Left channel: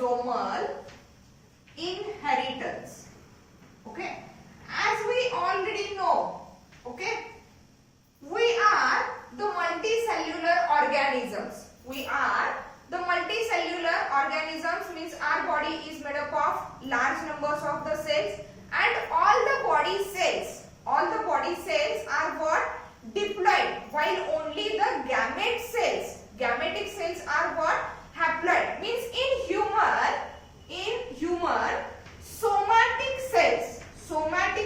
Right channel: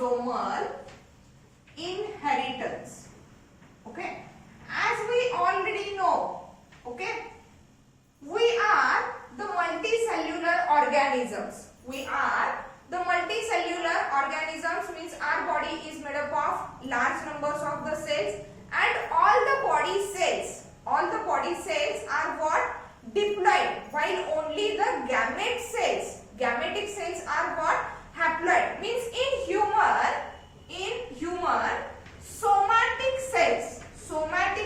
autosomal inheritance. Okay, as we already know, okay, we are the multicellular organisms. We are the multicellular organisms, means our body is made up of large numbers of the cells, and all the body cells are what? Diploid, while only the gamete cells, gametic cells are what? Haploid. Means in human somatic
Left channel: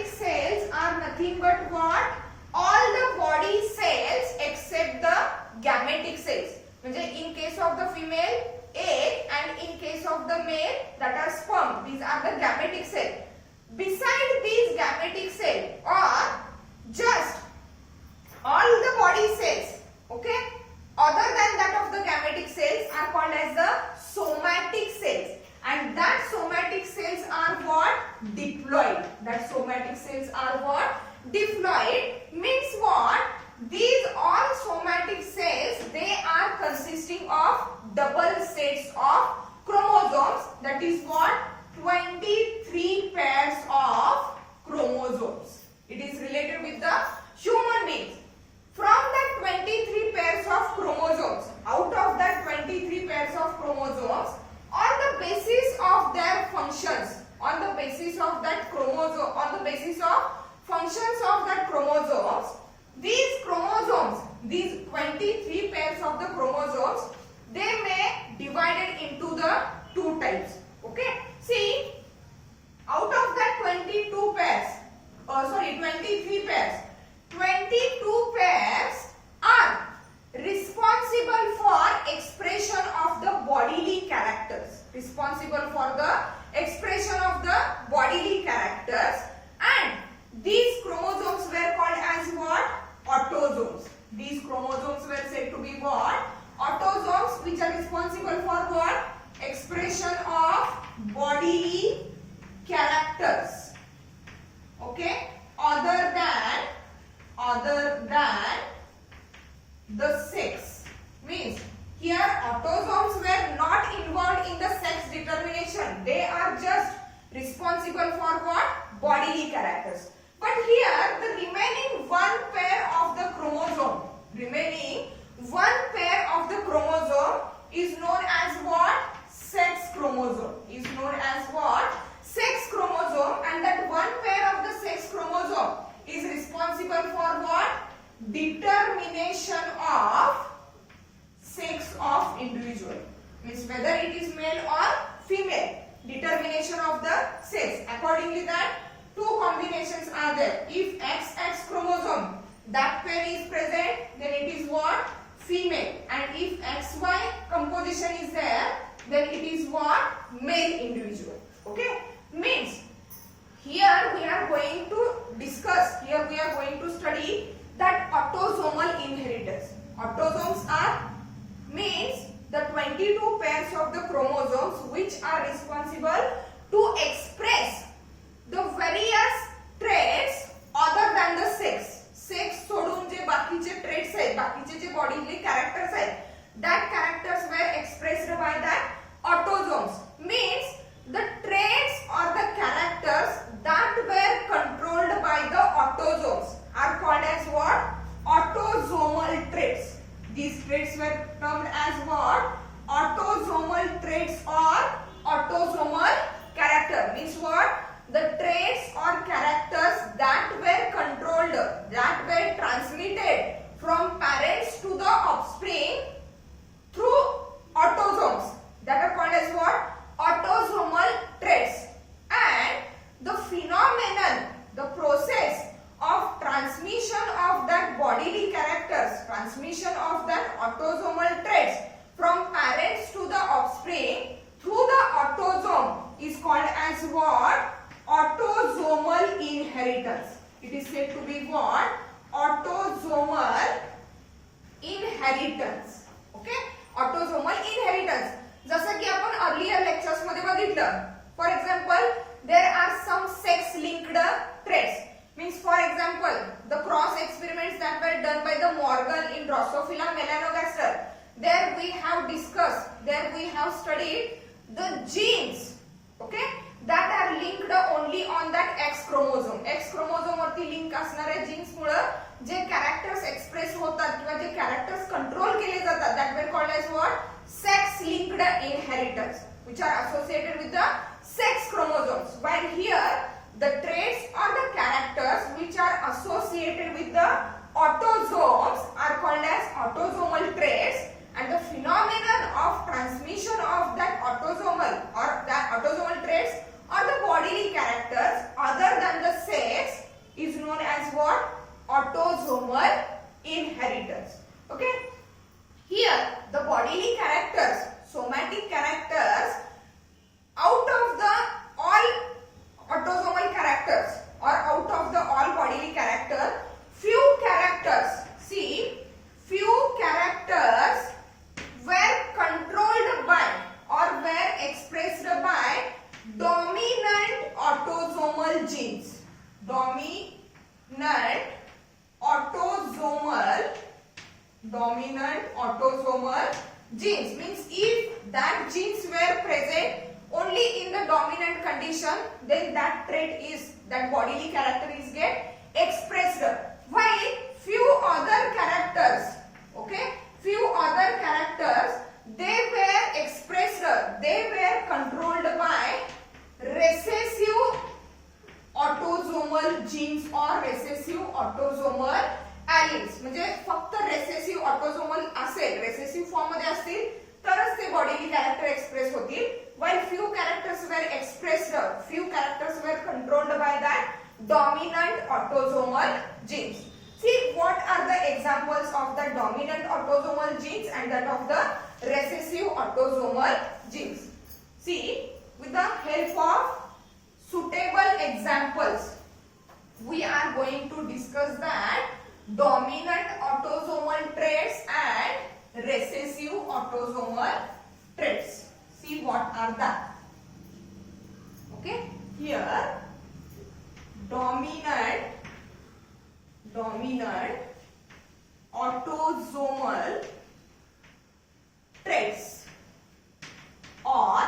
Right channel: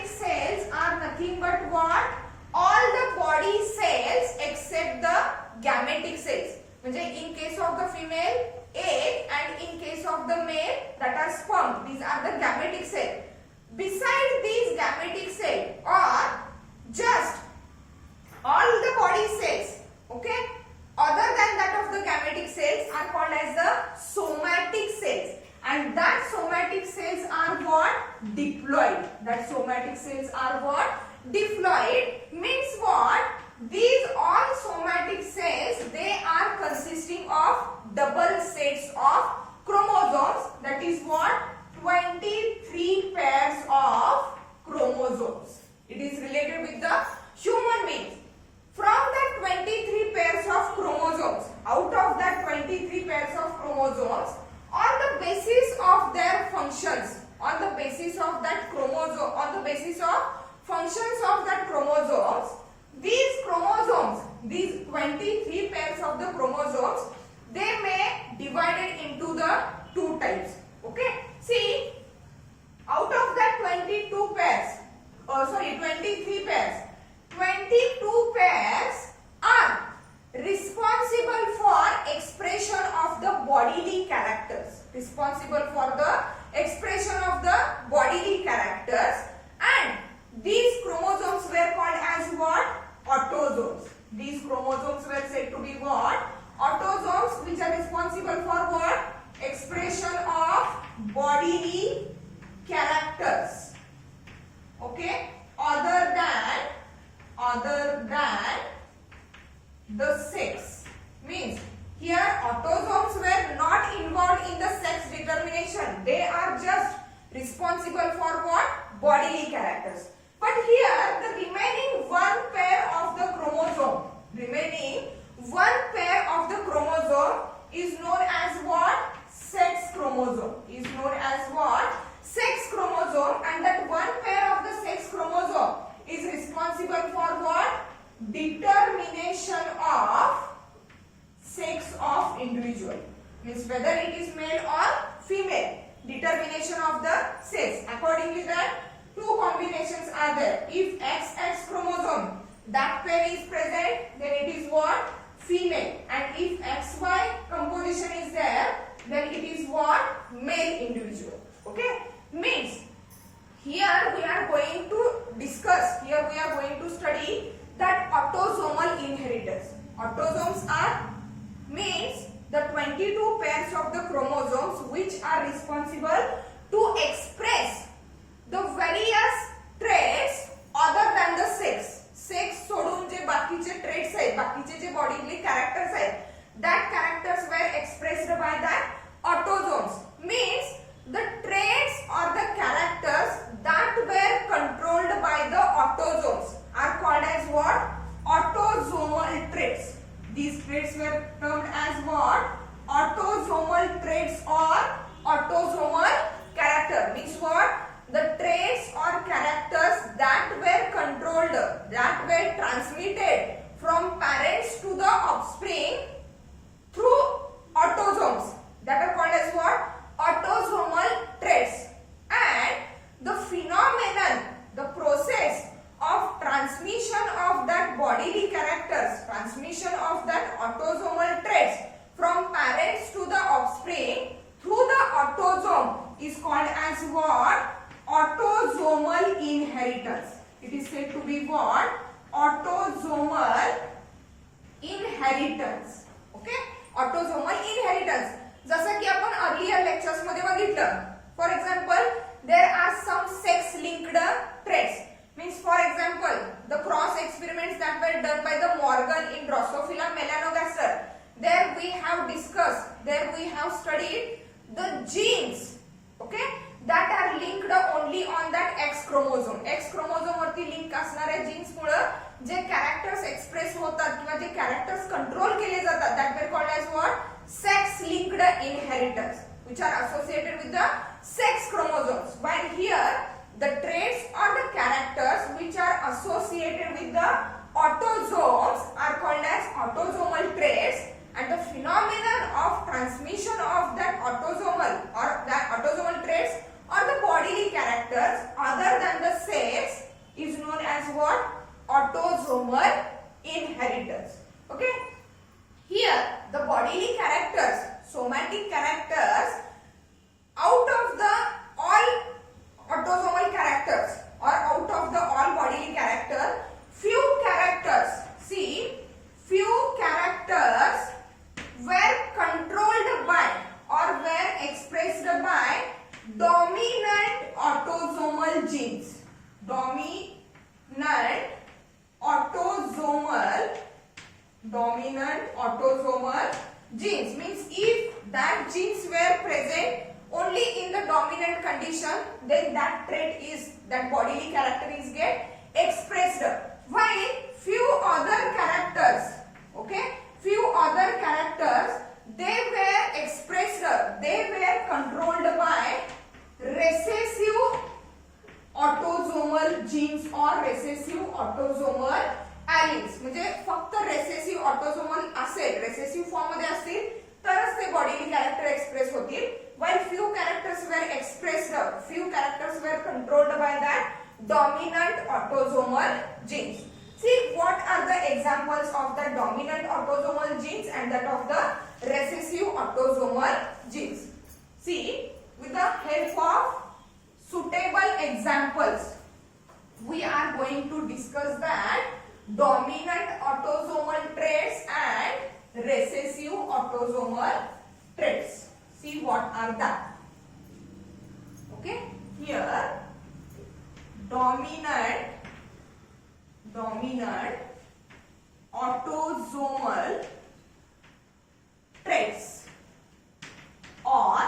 cells are nothing but what? All the body cells except the gametic cells. म्हणजे in case of the female, egg, and in case of the male, that are sperm. These are the gametic cells. Beside these gametic cells, or just all the body cells, okay, other than that of the gametic cells, are called as the somatic cells. And that somatic cells are what? Diploid. That somatic cells are what? Diploid. Means what? These all somatic cells, they are consisting of double sets of chromosomes. That is what? 23 pairs of chromosomes. It is related with the human beings. From that 23 pairs of chromosomes, out of that 23 pairs of chromosomes, on the basis of their functions, on the basis of that chromosome, on the basis of functions of that chromosomes, these 23 pairs of the chromosomes, they may divided into the two types. Okay, see, out of that 23 pairs, 22 pairs are responsible for expression of the bodily characters. Responsible for the expression of the bodily characters, and these chromosomes were called as what? Autosomes. These chromosomes were said to be what? Autosomes, which are responsible for what? Expression of bodily characters. Okay, other than the sex. Means here autosomes were not involved in the sex determination. They are just responsible for what? Bodily characters. But here the remaining one pair of the chromosome is known as what? Sex chromosome. Is known as what? Sex chromosome, and that one pair of the sex chromosome is responsible for what? Determination of sex of individual. Means whether it is male or female. Determination of the sex. Accordingly, that two combinations are there. If XX chromosome, that pair is present, then it is what? Female. And if XY composition is there, then it is what? Male individual. Okay? Means here we are going to study that autosomal inheritance. Autosomes are means the 22 pairs of the chromosomes which are responsible to express the various traits other than the sex. Sex सोडून जे बाकीचे traits आहेत, बाकीचे जे bodily characters आहेत, that characters were expressed by that autosomes. Means the traits or the characters that were controlled by the autosomes are called as what? Autosomal traits. These traits were termed as what? Autosomal traits or autosomal character. Means what? The traits or characters that were controlled, that were transmitted from parents to the offspring through autosomes, that are called as what? Autosomal traits. And the phenomenon, the process of transmission of that bodily characters, transmission of that autosomal traits from parents to the offspring through the autosome is called as what? Autosomal inheritance. It is said to be what? Autosomal inheritance. Okay? Autosomal inheritance. जसं की आपण earlier lectures मध्ये बघितलं. For example, there are some sex linked traits. Means for example, the cross experiments that were done by the Morgan in Drosophila melanogaster. There we have discussed, there we have studied the genes, okay, that are linked only on that X chromosome. X chromosome वरती link असणाऱ्या jeans मुळे जे characters express होतात किंवा जे characters control केले जातात, that were called as what? Sex linked inheritors, which are associated with the sex chromosomes. While here the traits or the characters which are associated with the autosomes are called as autosomal traits, and the phenomenon of transmission of that autosomal or that autosomal traits or the bodily characters other than the sex is known as what? Autosomal inheritors. Okay, here the bodily characters, somatic characters, out of the all autosomal characters or out of the all bodily character, few characters, see, few characters were controlled by or were expressed by dominant autosomal genes. Dominant autosomal genes means if that genes were present only in the dominant condition, then that trait is, that bodily character is get expressed. While few other characters, okay, few other characters, they were expressed, they were controlled by recessive autosomal genes or recessive autosomal alleles. म्हणजे फक्त recessive autosomal असेल, recessive form मध्ये असतील तरच ते bodily character express होतील. While few characters were expressed, few characters were controlled by that dominant autosomal genes. See what are the examples of the dominant autosomal genes and that of the recessive autosomal genes. See, with the help of suitable examples, we are going to discuss that dominant autosomal traits and recessive autosomal traits. See what are that. Okay, here dominant autosomal traits or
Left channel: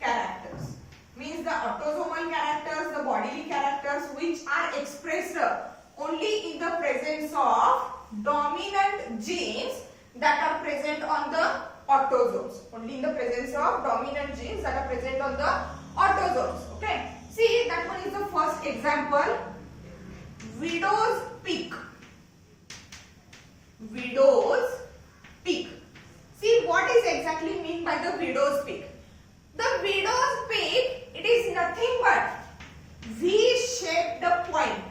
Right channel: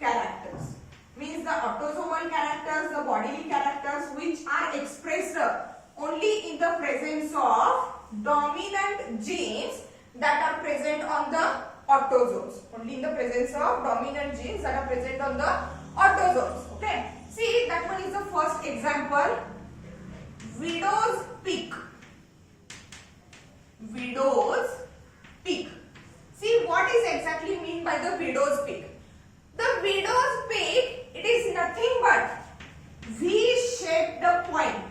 characters means the autosomal characters, the bodily characters which are expressed only in the presence of dominant genes that are present on the autosomes, only in the presence of dominant genes that are present on the autosomes. Okay, see that one is the first example, widow's peak. Widow's peak. See what is exactly mean by the widow's peak. The widow's peak, it is nothing but V-shaped point.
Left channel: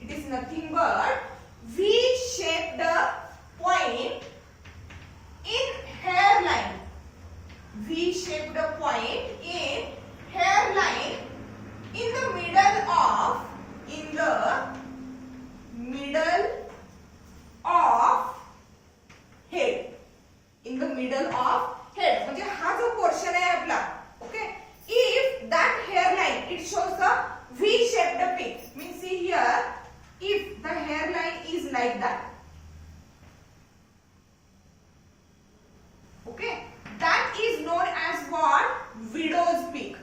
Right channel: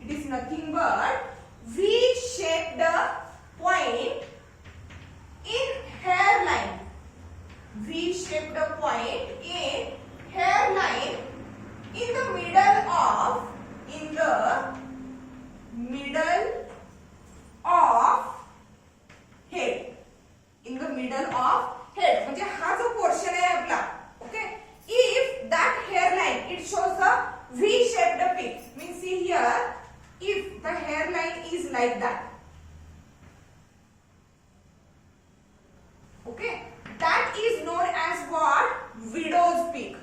It is nothing but V-shaped point in hairline. V-shaped point in hairline in the middle of head. In the middle of head. म्हणजे हा जो portion आहे आपला, okay, if that hairline it shows the V-shaped peak, means see here, if the hairline is like that, okay, that is known as what? Widow's peak.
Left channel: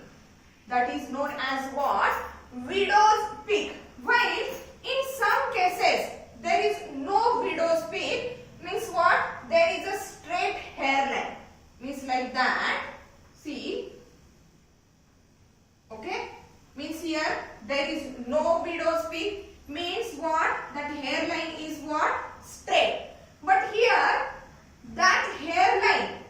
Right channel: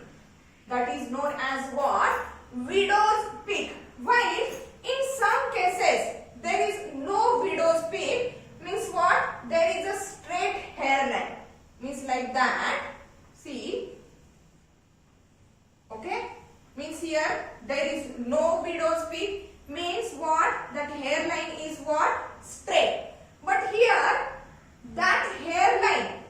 That is known as what? Widow's peak. While in some cases there is no widow's peak, means what? There is a straight hairline, means like that. See, okay, means here there is no widow's peak, means what? That hairline is what? Straight. But here that hairline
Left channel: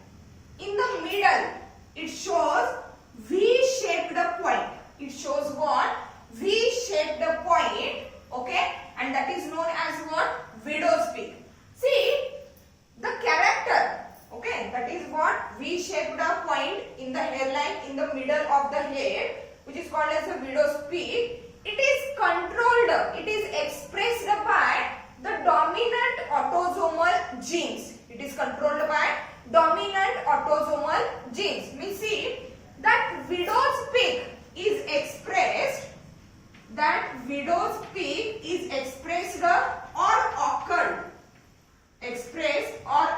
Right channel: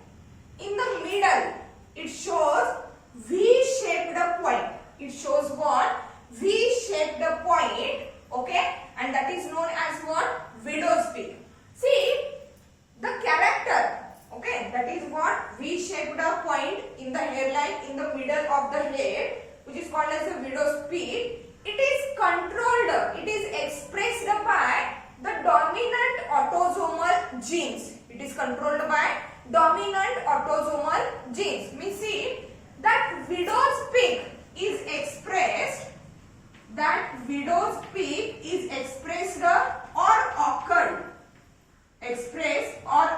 in the middle, it shows V-shaped point. It shows what? V-shaped point, okay, and that is known as what? Widow's peak. See, the character, okay, that is what? V-shaped point in the hairline in the middle of the head, which is called as the widow's peak. It is controlled, it is expressed by the dominant autosomal genes. It is controlled by dominant autosomal genes. We see that widow's peak is expressed, or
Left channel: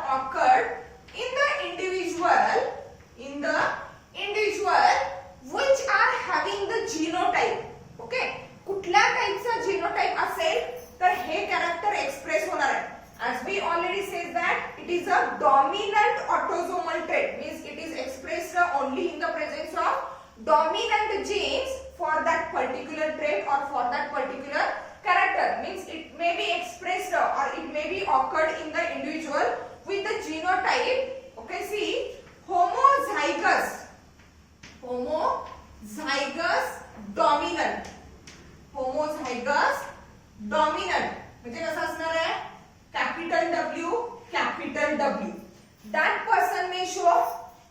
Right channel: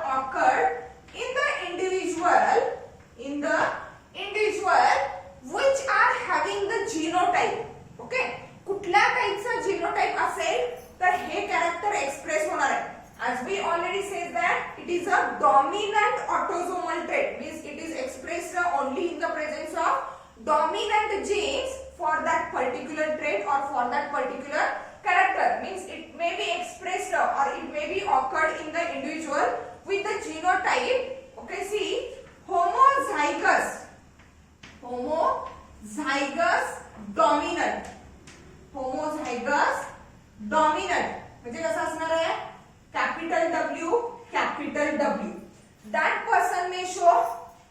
occurred in the individual autosomal trait means it is expressed only in the presence of dominant genes for that particular trait or for that particular character. Means it may be expressed or it may be occurred in the individual with the genotype. Okay, see, homozygous dominant. homozygous dominant म्हणजे कसं असणार आहे, capital W. That person may show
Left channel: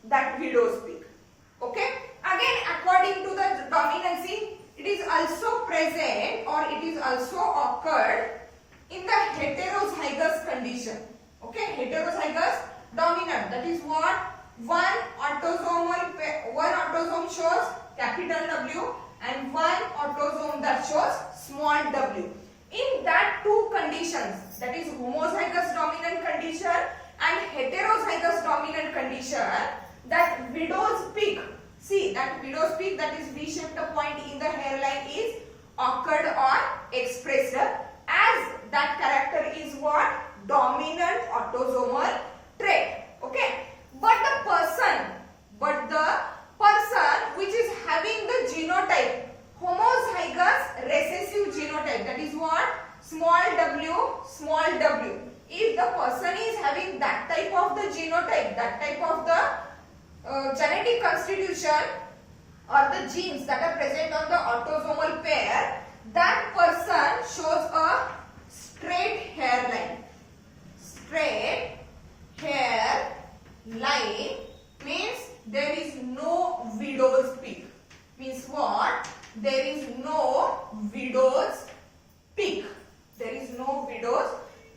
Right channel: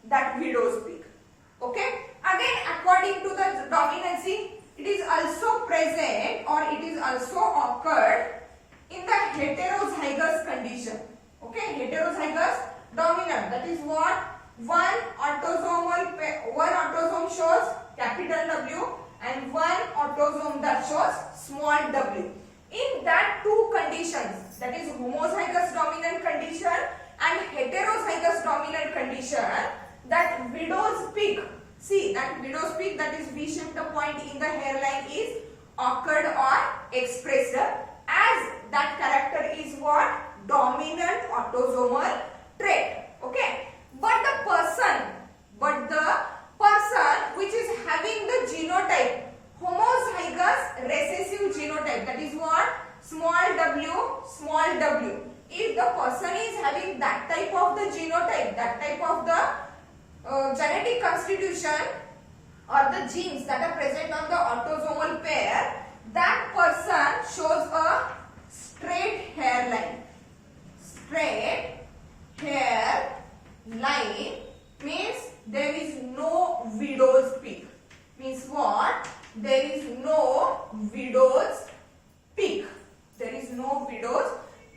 that widow's peak. Okay, again according to the dominancy, it is also present or it is also occurred in the heterozygous condition. Okay, heterozygous dominant, that is what, one autosome shows capital W and one autosome that shows small w. In that two conditions, that is homozygous dominant condition and heterozygous dominant condition, that widow's peak, see that widow's peak, that is V-shaped point in the hairline, is occurred or expressed as that character is what, dominant autosomal trait. Okay, but the person which is having the genotype homozygous recessive genotype, that is what, small w. If the person is having that type of the genotype, that type of the genetic constitution or the genes that are present on the autosomal pair, that person shows a straight hairline. Straight hairline means there is no widow's peak. Means what? There is no widow's peak. There is no widow's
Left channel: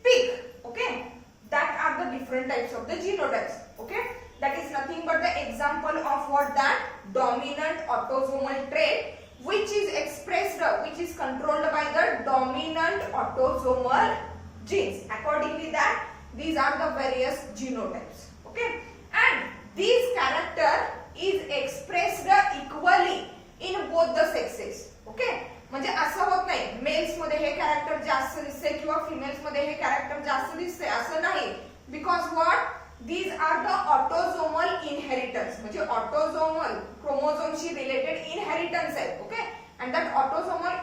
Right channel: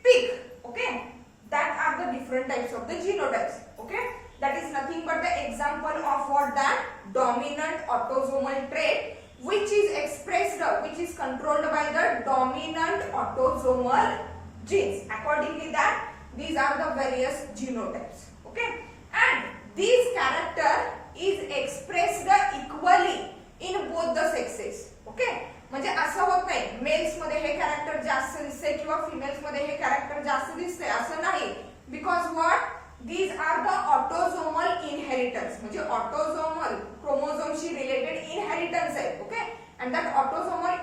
peak. Okay, that are the different types of the genotypes. Okay, that is nothing but the example of what, that dominant autosomal trait which is expressed, which is controlled by the dominant autosomal genes. Accordingly, that these are the various genotypes. Okay, and this character is expressed equally in both the sexes. Okay, म्हणजे असं होत नाही mails मध्ये हे character जास्त दिसते किंवा females मध्ये हे character जास्त दिसते असं नाही, because what, these are the autosomal inheritance, म्हणजे autosomal chromosomes related inheritance आहे. Okay, and that autosomal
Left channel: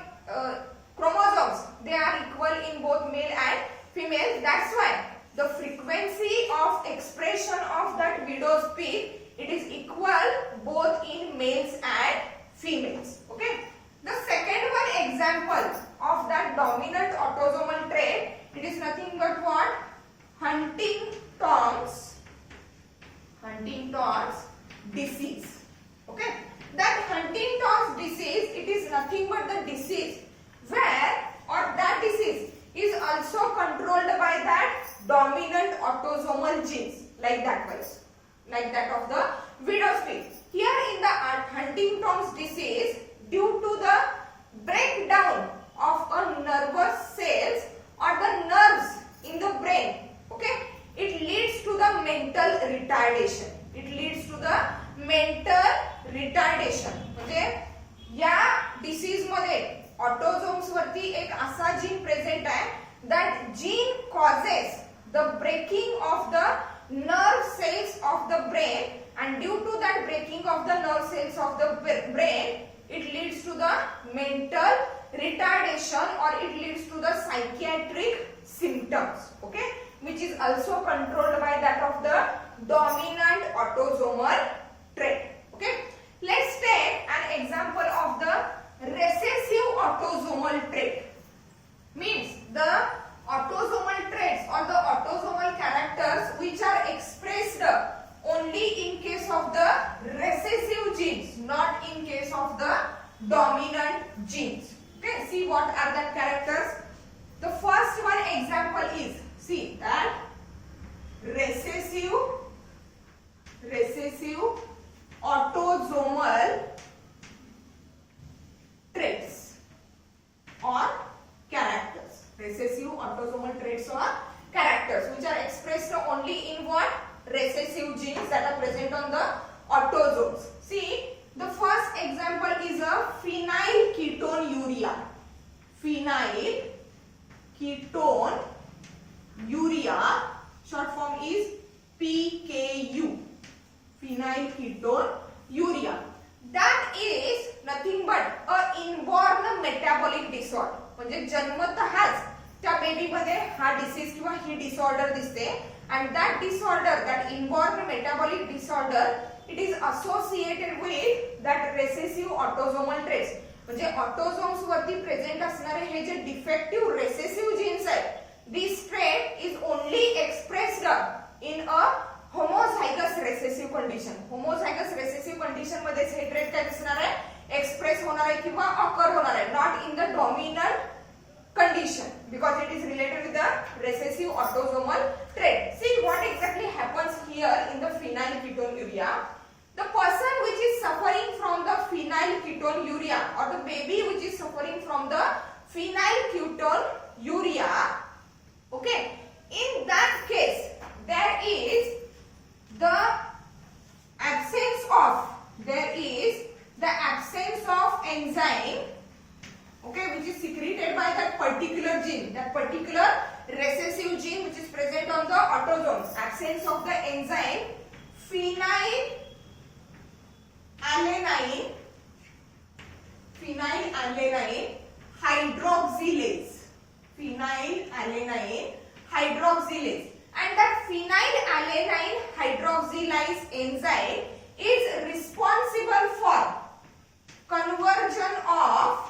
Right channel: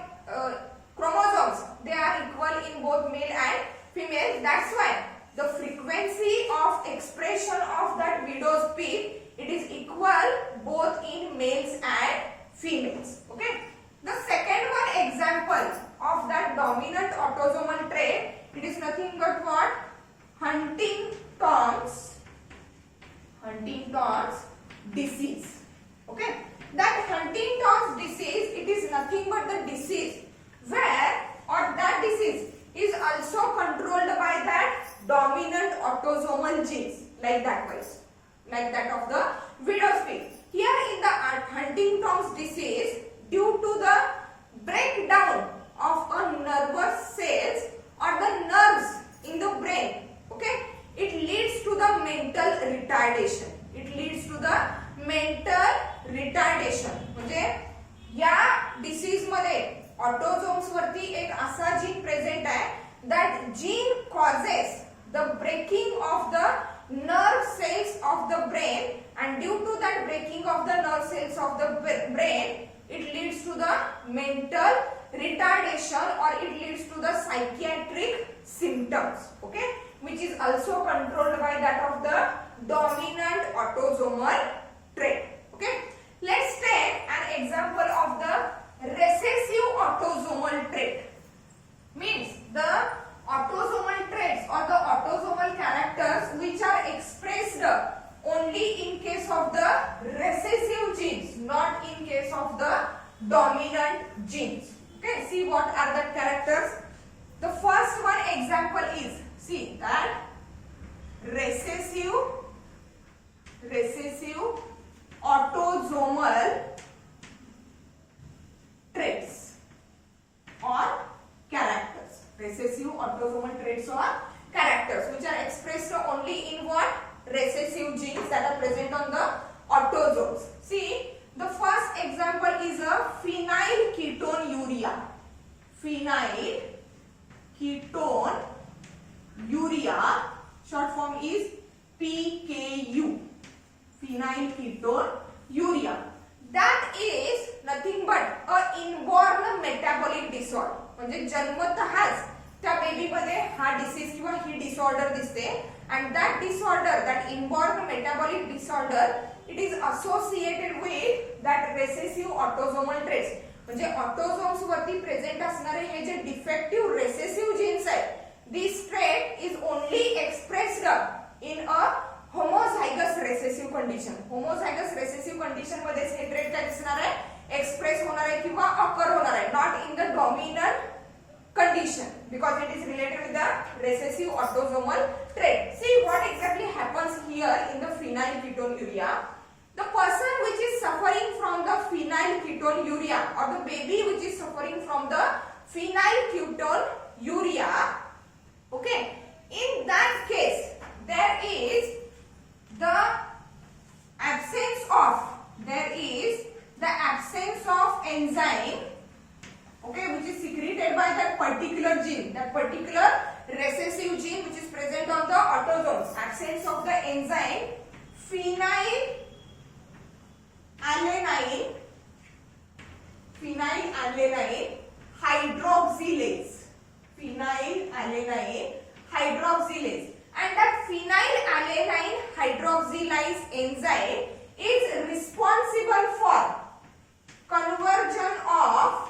chromosomes, they are equal in both male and female. That's why the frequency of expression of that widow's peak, it is equal both in males and females. Okay, the second one example of that dominant autosomal trait, it is nothing but what, Huntington's disease. Okay, that Huntington's disease, it is nothing but the disease where, or that disease is also controlled by that dominant autosomal genes, like that was, like that of the widow's peak. Here in the Huntington's disease, due to the breakdown of a nervous cells or the nerves in the brain, okay, it leads to the mental retardation. It leads to the mental retardation. म्हणजे या disease मध्ये autosomes वरती एक असा gene present आहे, that gene causes the breaking of the nerve cells of the brain, and due to that breaking of the nerve cells of the brain, it leads to the mental retardation or it leads to the psychiatric symptoms. Okay, which is also controlled by that of the dominant autosomal trait. Okay, let's take an example of the recessive autosomal trait. Means the autosomal traits or the autosomal characters which are expressed only in case of the recessive genes, not in case of the dominant genes. Okay, see what are the characters. The first one example is, see that recessive autosomal traits or characters. Recessive autosomal traits or characters which are expressed only in what? Recessive genes that are present on the autosomes. See, the first example is a phenylketonuria. Phenylketonuria, short form is PKU. phenylketonuria. That is nothing but a inborn metabolic disorder. म्हणजे जन्मतःच त्या baby मध्ये हा disease किंवा ही disorder दिसते. And that disorder, that inborn metabolic disorder, it is associated with that recessive autosomal traits. म्हणजे autosomes वरती present असणारे हे जे defective recessive jeans आहेत, this trait is only expressed in a homozygous recessive condition. homozygous recessive condition मध्ये हे trait काय दिसणार आहे, express होणार आहे किंवा ऑकर होणार आहे, not in the dominant condition, because it is related with the recessive autosomal trait. See what exactly happens here in the phenylketonuria. The person which is suffering from the phenylketonuria, or the baby which is suffering from the phenylketonuria, okay, in that case there is the absence of enzyme, okay, which is secreted by that particular gene, that particular recessive gene which is present on the autosomes. Absence of the enzyme phenylalanine hydroxylase, and that phenylalanine hydroxylase enzyme is responsible for conversion of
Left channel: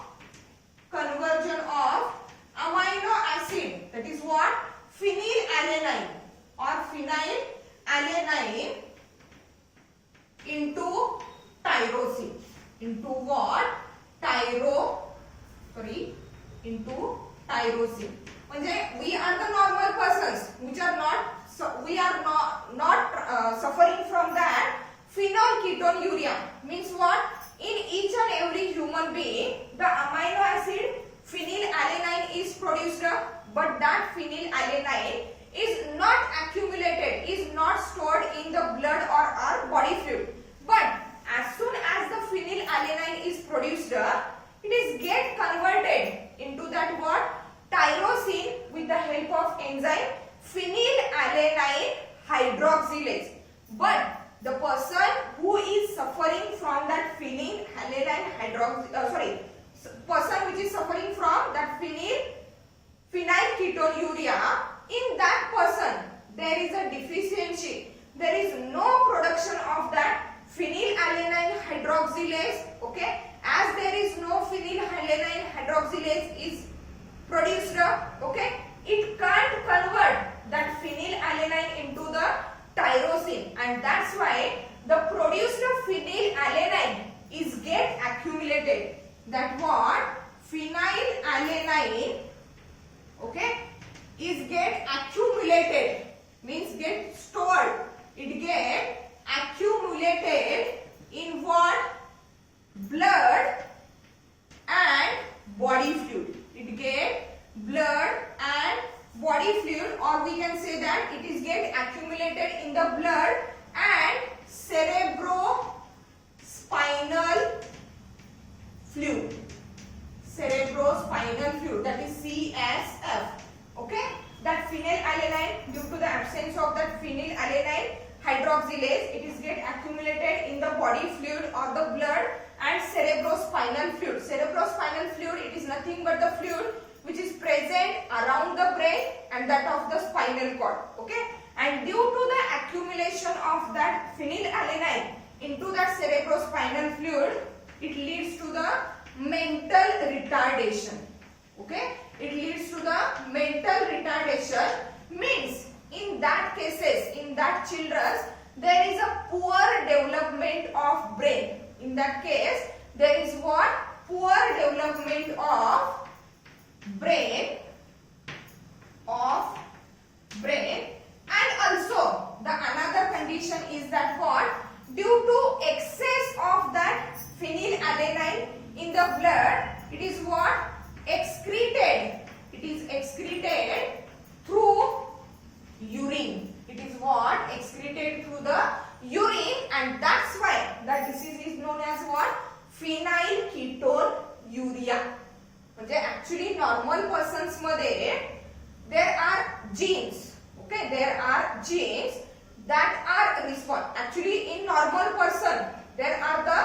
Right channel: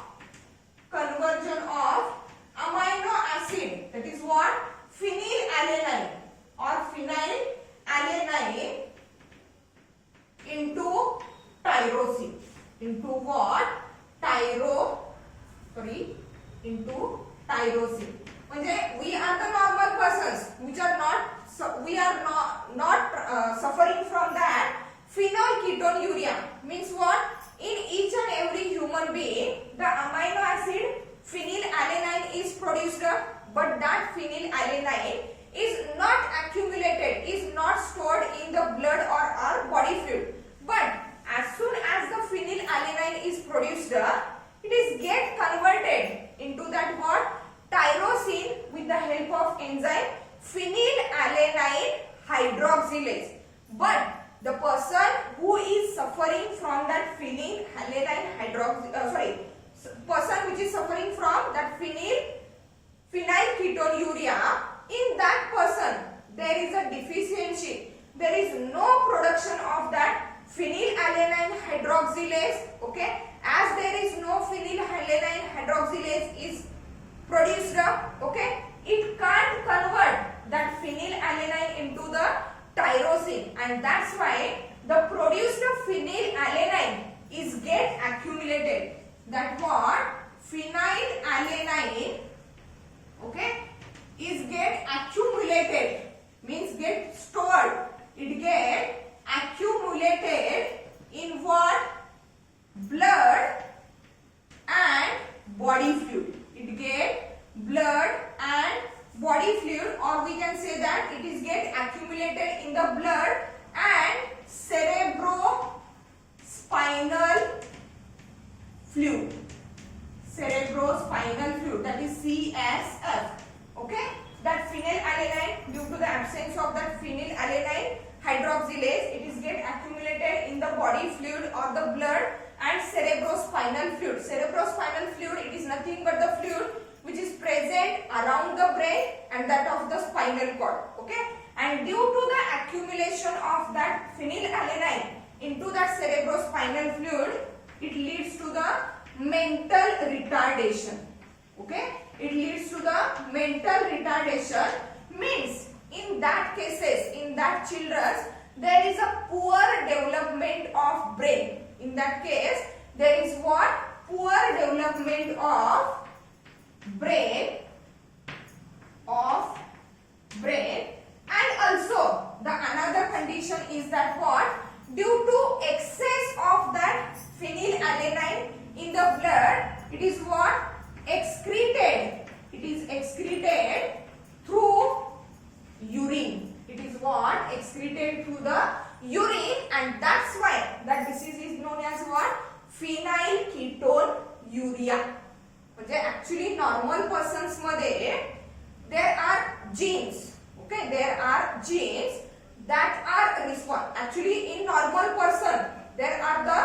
amino acid, that is what, phenylalanine or phenylalanine into tyrosine, into what, into tyrosine. म्हणजे we are the normal persons which are not suffering from that phenylketonuria. Means what, in each and every human being the amino acid phenylalanine is produced, but that phenylalanine is not accumulated, is not stored in the blood or our body fluid. But as soon as the phenylalanine is produced, it is get converted into that what, tyrosine, with the help of enzyme phenylalanine hydroxylase. But the person who is suffering from that person which is suffering from that phenylketonuria, in that person there is a deficiency, there is no production of that phenylalanine hydroxylase, okay. As there is no phenylalanine hydroxylase is produced, okay, it can't convert that phenylalanine into the tyrosine, and that's why the produced phenylalanine is get accumulated. That what, phenylalanine, okay, is get accumulated, means get stored, it get accumulated in what, blood and body fluid. It get blood and body fluid, or we can say that it is get accumulated in the blood and cerebrospinal fluid, that is CSF, okay. That phenylalanine, due to the absence of that phenylalanine hydroxylase, it is get accumulated in the body fluid or the blood and cerebrospinal fluid. Cerebrospinal fluid, it is nothing but the fluid which is present around the brain and that of the spinal cord, okay. And due to the accumulation of that phenylalanine into that cerebrospinal fluid, it leads to the mental retardation, okay. It leads to the mental retardation, means in that cases, in that children, there is a poor development of brain. In that case, there is what, poor development of brain, and also the another condition is that what, due to excess of that phenylalanine in the blood, it is what, excreted, it is excreted through urine, it is what, excreted through the urine, and that's why that disease is known as what, phenylketonuria. म्हणजे actually normal persons मध्ये there are genes, okay, there are genes that are actually in normal person there are the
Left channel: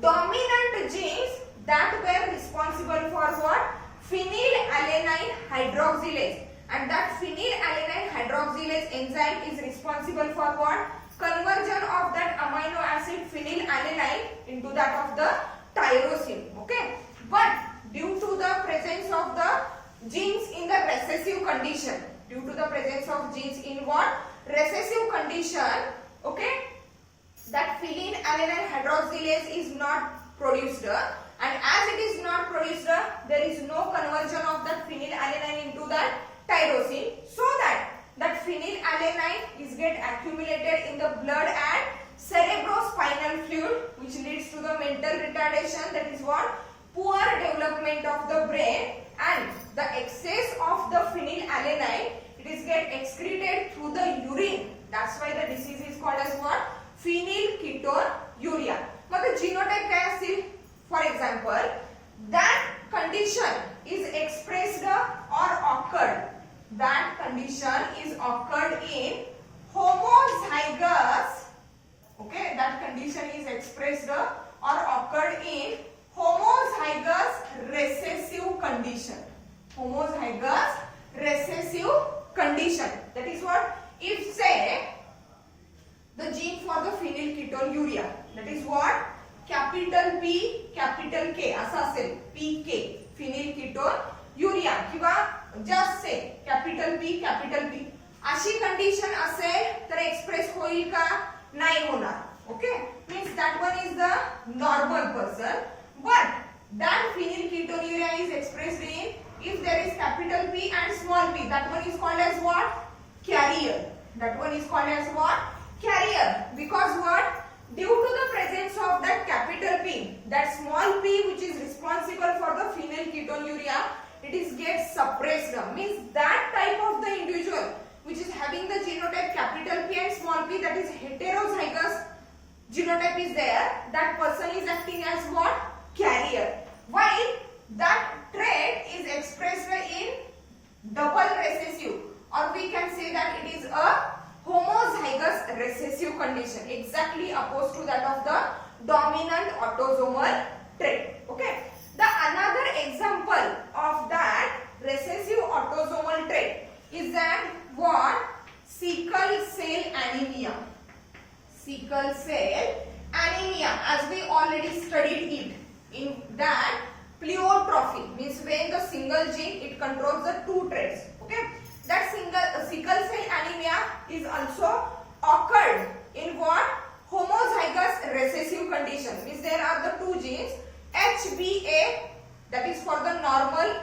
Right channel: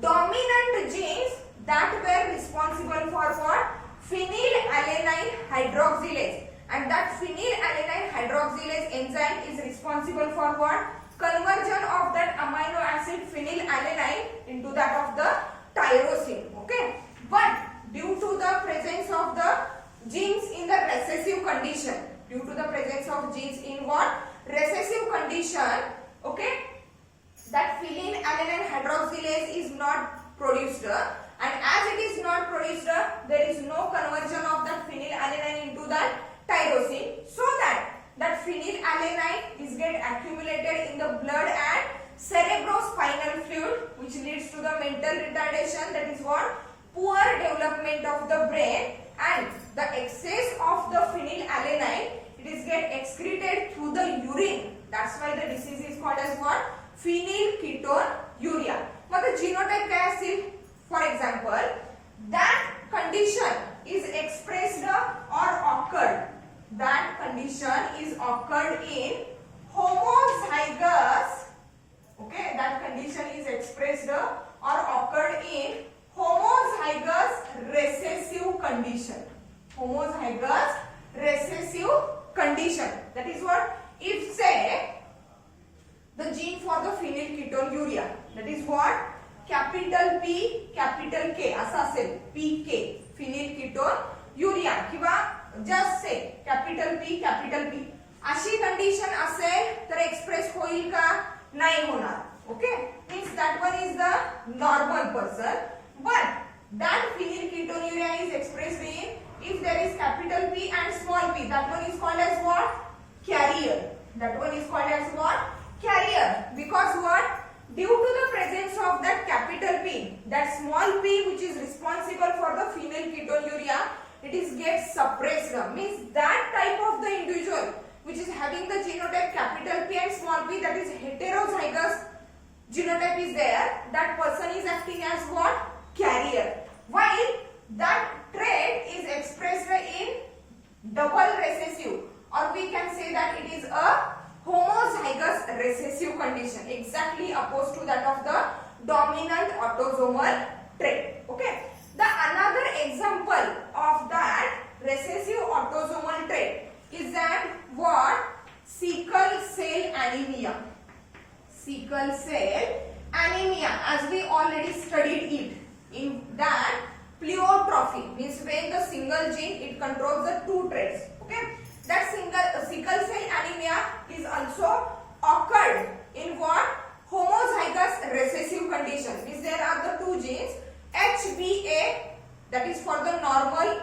dominant genes that were responsible for what? Phenylalanine hydroxylase, and that phenylalanine hydroxylase enzyme is responsible for what? Conversion of that amino acid phenylalanine into that of the tyrosine. Okay, but due to the presence of the genes in the recessive condition, due to the presence of genes in what? Recessive condition, okay, that phenylalanine hydroxylase is not produced, and as it is not produced, there is no conversion of that phenylalanine into that tyrosine, so that phenylalanine is get accumulated in the blood and cerebrospinal fluid, which leads to the mental retardation, that is what? Poor development of the brain, and the excess of the phenylalanine, it is get excreted through the urine. That's why the disease is called as what? Phenylketonuria. Mug the genotype काय असतील? For example, that condition is expressed or occurred. That condition is occurred in homozygous. Okay, that condition is expressed or occurred in homozygous recessive condition. Homozygous recessive condition. That is what? If say the gene for the phenylketonuria, that is what? Capital P, capital K असा असेल, PK phenylketonuria किंवा just say capital P, capital P अशी condition असेल तर express होईल का? नाही होणार. Okay, means that one is the normal person, but that phenylketonuria is expressed in, if there is capital P and small p, that one is called as what? Carrier. That one is called as what? Carrier. Because what? Due to the presence of that capital P, that small p which is responsible for the phenylketonuria, it is get suppressed. Means that type of the individual which is having the genotype capital P and small p, that is heterozygous genotype is there, that person is acting as what? Carrier. While that trait is expressed in double recessive, or we can say that it is a homozygous recessive condition, exactly opposed to that of the dominant autosomal trait. Okay, the another example of that recessive autosomal trait is that what? Sickle cell anemia. Sickle cell anemia, as we already studied it, in that pleiotrophy means when the single gene it controls the two traits. Okay, that sickle cell anemia is also occurred in what? Homozygous recessive condition. Means there are the two genes HbA, that is for the normal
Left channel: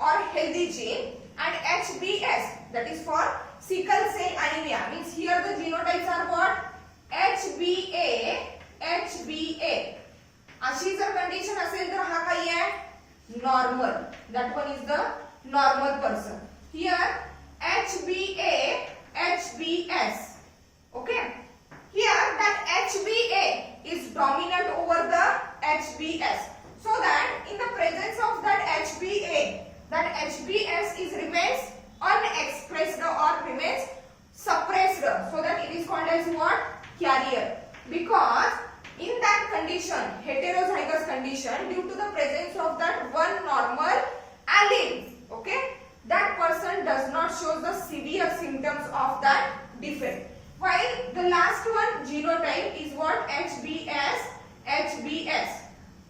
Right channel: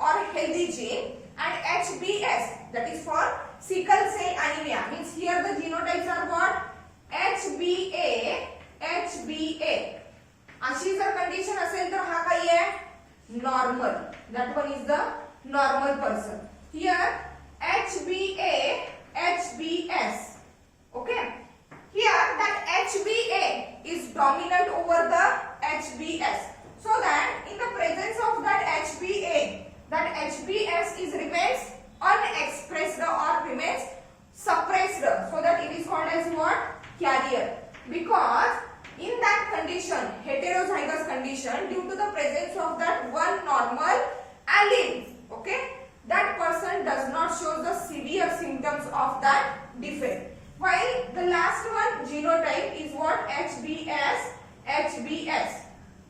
or healthy gene, and HbS, that is for sickle cell anemia. Means here the genotypes are what? HbA, HbA. अशी जर condition असेल तर हा काय आहे? Normal. That one is the normal person. Here HbA, HbS. Okay. Here that HbA is dominant over the HbS. So that in the presence of that HbA, that HbS is remains unexpressed or remains suppressed. So that it is called as what? Carrier. Because in that condition, heterozygous condition, due to the presence of that one normal allele, okay, that person does not show the severe symptoms of that defect. While the last one genotype is what? HbS, HbS.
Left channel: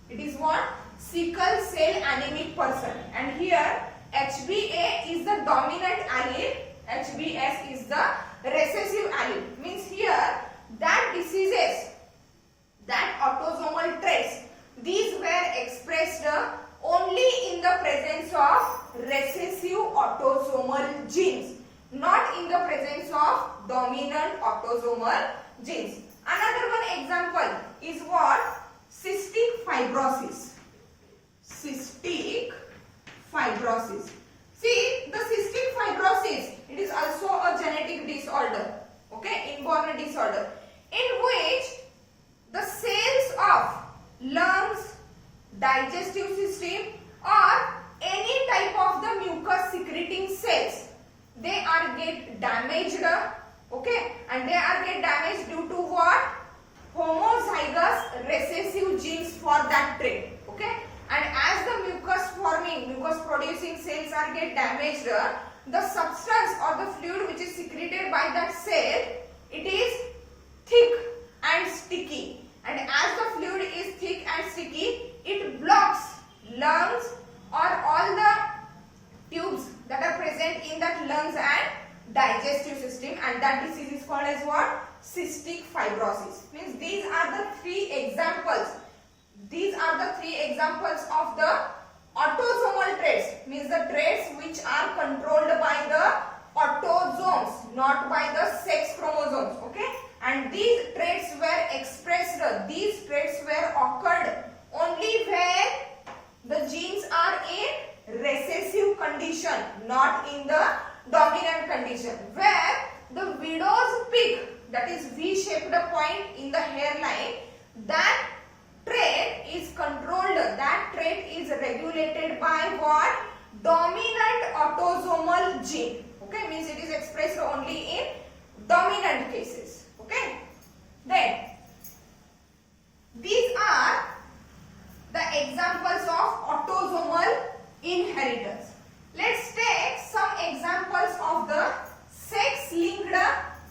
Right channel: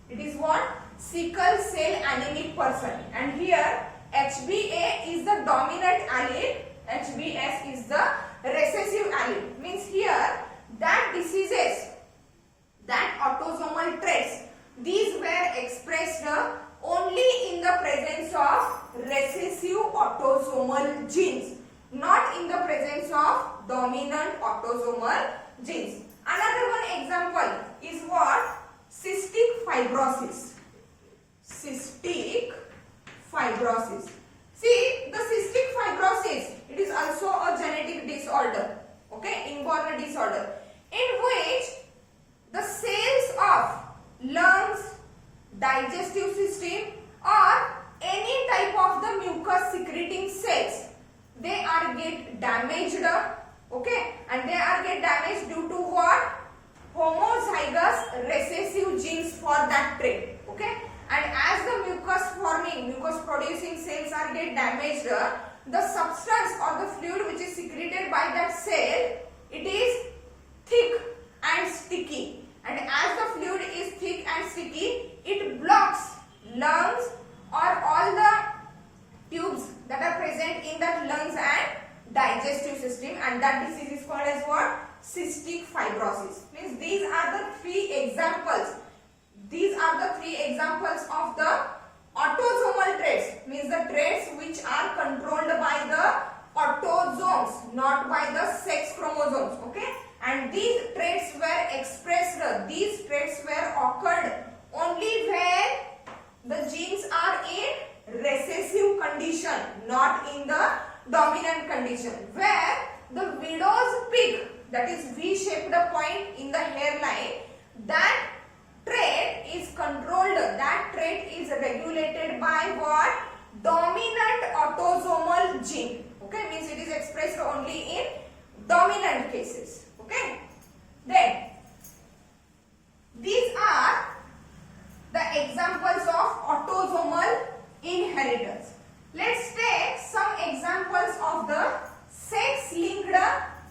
It is what? Sickle cell anemic person. And here HbA is the dominant allele, HbS is the recessive allele. Means here that diseases, that autosomal traits, these were expressed only in the presence of recessive autosomal genes, not in the presence of dominant autosomal genes. Another one example is what? Cystic fibrosis. Cystic fibrosis. See, the cystic fibrosis, it is also a genetic disorder, okay, inborn disorder, in which the cells of lungs, digestive system, or any type of the mucus secreting cells, they are get damaged, okay, and they are get damaged due to what? Homozygous recessive genes for that trait, okay. And as the mucus producing cells are get damaged, the substance or the fluid which is secreted by that cell, it is thick and sticky, and as the fluid is thick and sticky, it blocks lungs or all the tubes that are present in that lungs and digestive system, and that disease is called as what? Cystic fibrosis. Means these are the three examples. These are the three examples of the autosomal traits, means the traits which are controlled by the autosomes, not by the sex chromosomes, okay. And these traits were expressed, these traits were occurred only when the genes are in recessive condition, not in the dominant condition, where the widow's peak, that is V-shaped point in the hairline, that trait is controlled, that trait is regulated by what? Dominant autosomal gene, okay, means it is expressed only in dominant cases, okay. Then these are the examples of autosomal inheritance. Let's take some examples of the sex-linked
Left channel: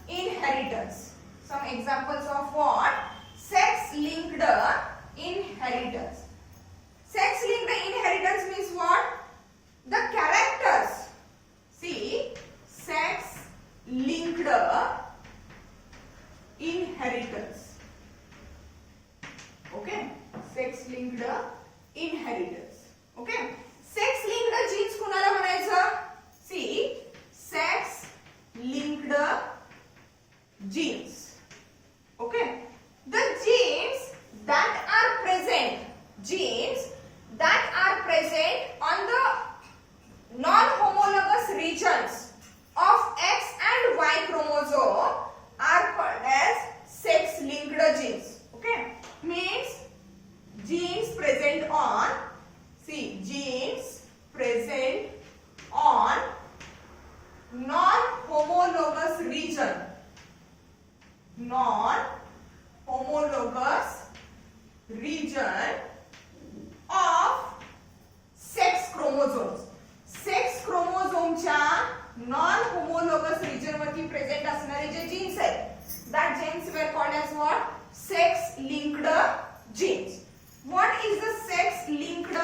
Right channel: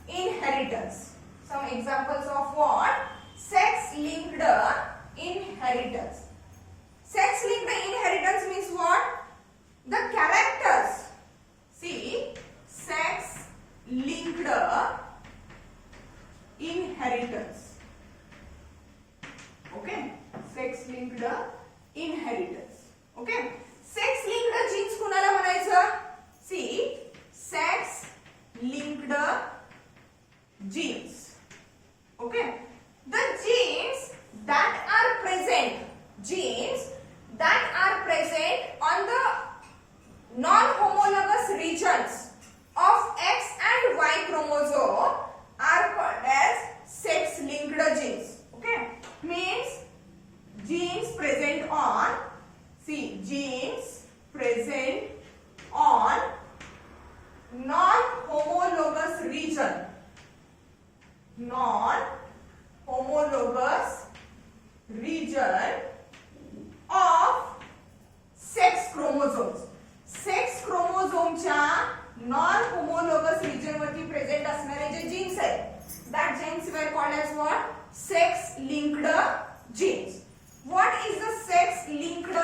inheritance. Some examples of what? Sex-linked inheritance. Sex-linked inheritance means what? The characters. See, sex-linked inheritance. Okay, sex-linked inheritance. Okay, sex-linked genes कुणाला म्हणायचं? See, sex-linked genes. Okay, the genes that are present on the non-homologous regions of X and Y chromosome are called as sex-linked genes. Okay, means genes present on, see, genes present on non-homologous region, non-homologous region of sex chromosomes. Sex क्रोमोझोमच्या non homologous region वरती present असणारे जे genes आहेत, that genes were called as what? Sex linked genes. What is the sex linked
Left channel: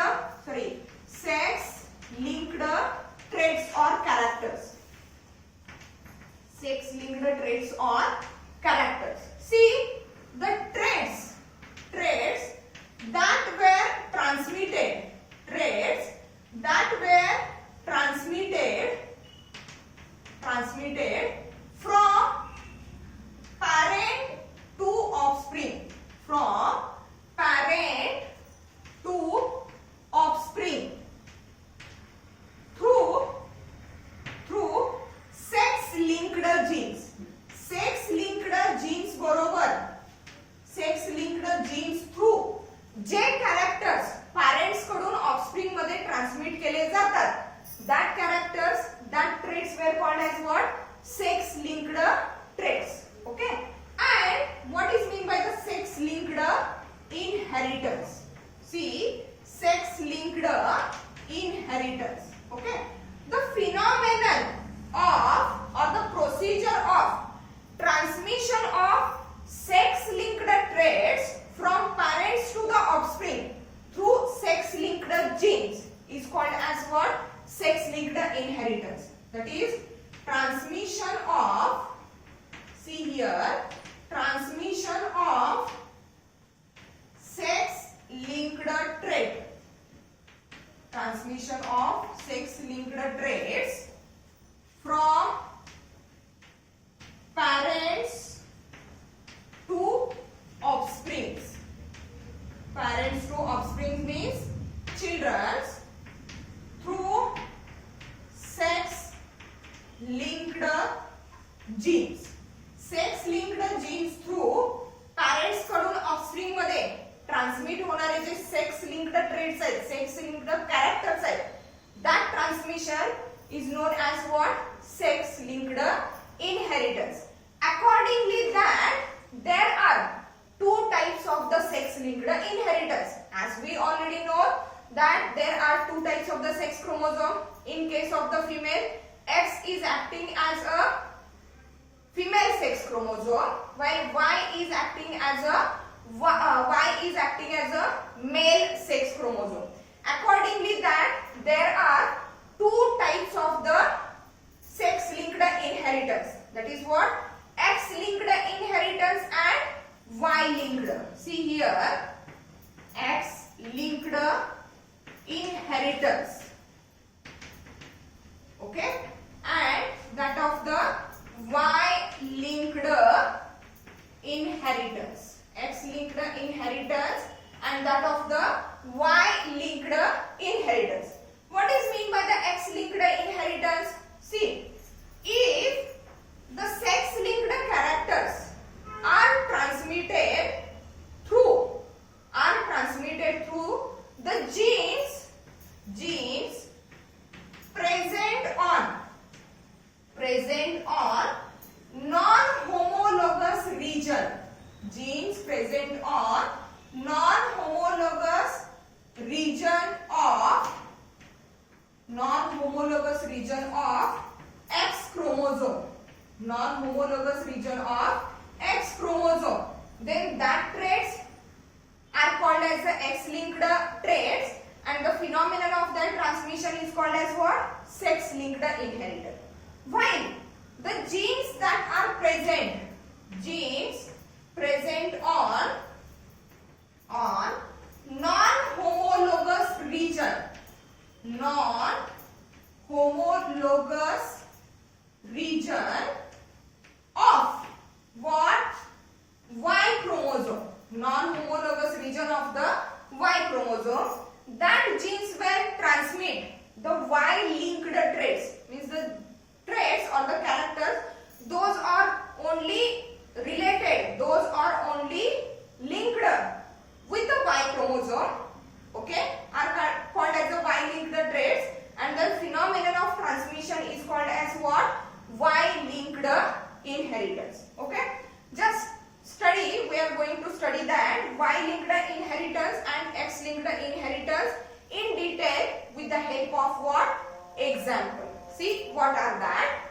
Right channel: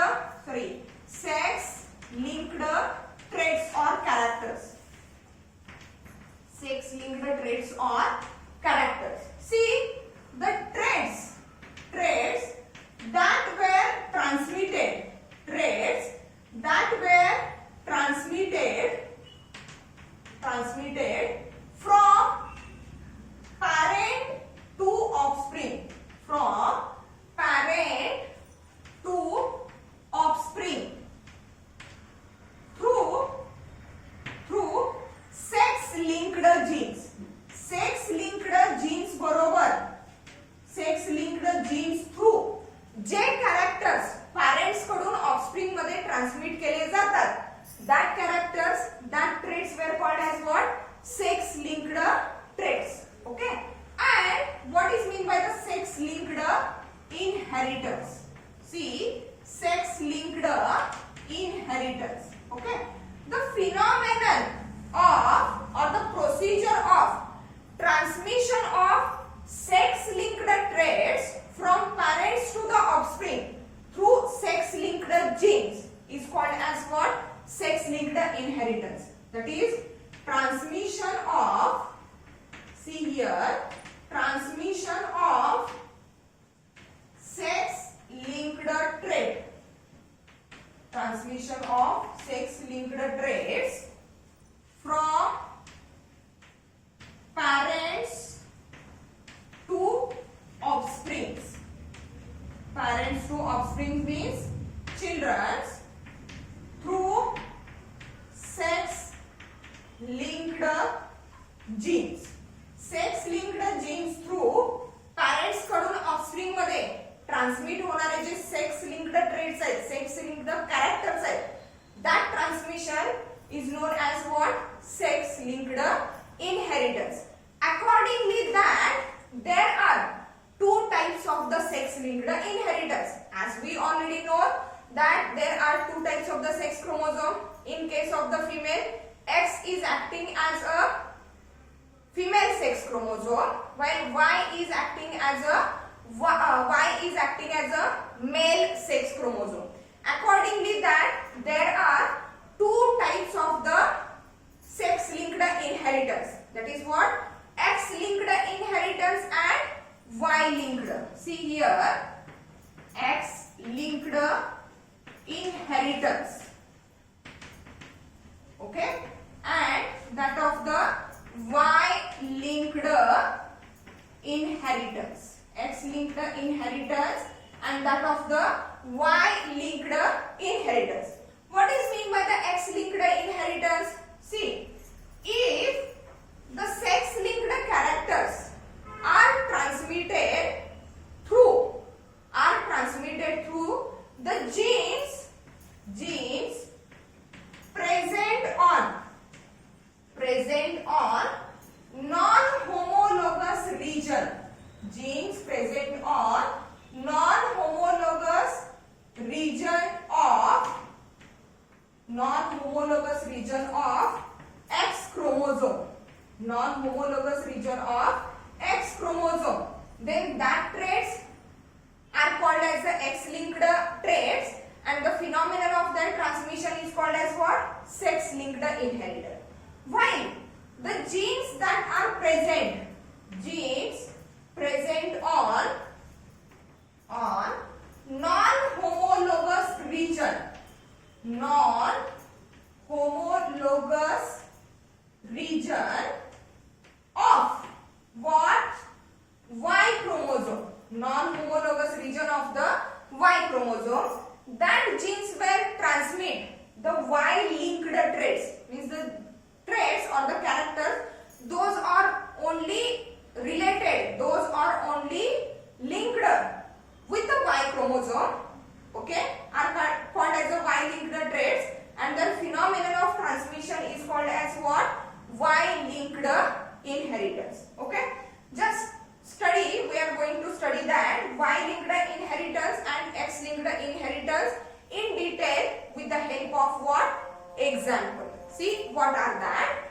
traits or characters? Sex linked traits or characters. See, the traits that were transmitted, from parent to offspring, through sex linked genes. Sex linked genes बरोबर sex linked genes through जे characters parents कडून offspring मध्ये transmit केले जातात, that characters, that traits were called as what? Sex linked traits. Okay, and what is mean by the sex linked inheritance? See, sex linked inheritance. Okay, the phenomenon of or the procedure of transmission of sex linked traits from parents to the offspring through sex linked genes is called as what? Sex linked inheritance. That is transmission of, see here, transmission of sex linked trait, transmission of sex linked traits from parents to offsprings. Parents to offspring means children, through sex linked genes. Sex linked genes through parents कडून offspring मध्ये transmit होणारे जे sex linked traits आहेत, sex linked characters आहेत, that transmission is known as what? sex linked inheritance. Accordingly that there are two types of the sex linked inheritance. As we already know that there are two types of the sex chromosome. In case of the female, X is acting as a female sex chromosome, while Y is acting as a male sex chromosome. Accordingly that there are two types of the sex linked inheritance. That is what? X linked inheritance and Y linked. See here, X linked inheritance, okay, and that of the Y linked inheritance. X linked inheritance and that of the Y linked inheritance. What is mean by the X linked inheritance? See, if the sex linked characters are transmitted through the genes present on non-homologous region, genes present on non-homologous region of X chromosome, then that traits are called as the X-linked traits, and the phenomenon of their transmission is called as what? Sex-linked inheritance. While the genes that are present on non-homologous region of what? Y chromosome, non-homologous region of the Y chromosome, that genes will transmit the Y-linked traits, means the traits or the characters, those are only related, those are only linked with the Y chromosome, okay, are called as the Y-linked traits, and the phenomenon of transmission is called as what? Y-linked inheritance, okay. Just study, we are going to study that Y-linked inheritance and X-linked inheritance in detail with the help of what? Example. See what are that?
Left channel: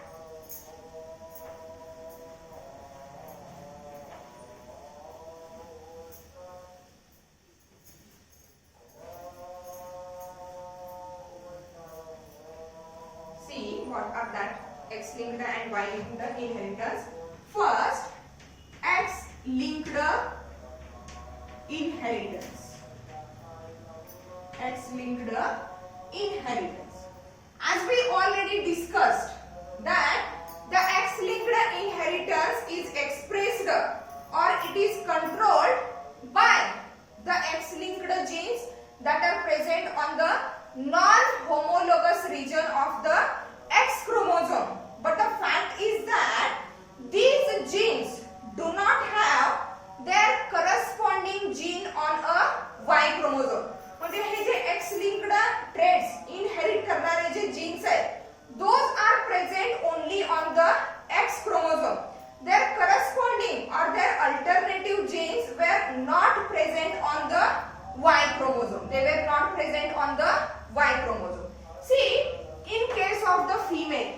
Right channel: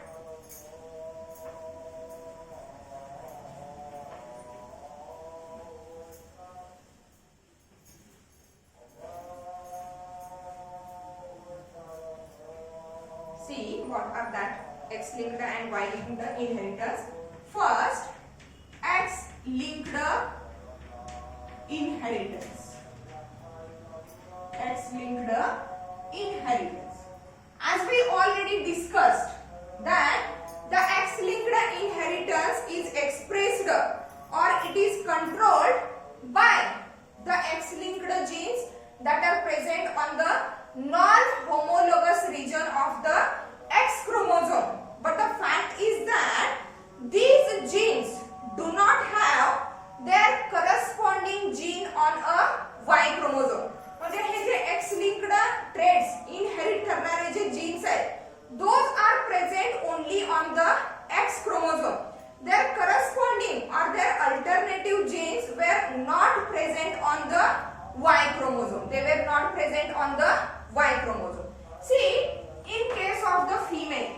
See what are that X-linked and Y-linked inheritance. First, X-linked inheritance. X-linked inheritance. As we already discussed that the X-linked inheritance is expressed or it is controlled by the X-linked genes that are present on the non-homologous region of the X chromosome. But the fact is that these genes do not have their corresponding gene on a Y chromosome. म्हणजे हे जे X-linked traits inherit करणारे जे genes आहेत, those are present only on the X chromosome. Their corresponding or their alternative genes were not present on the Y chromosome. They were not present on the Y chromosome. See, in case of the female,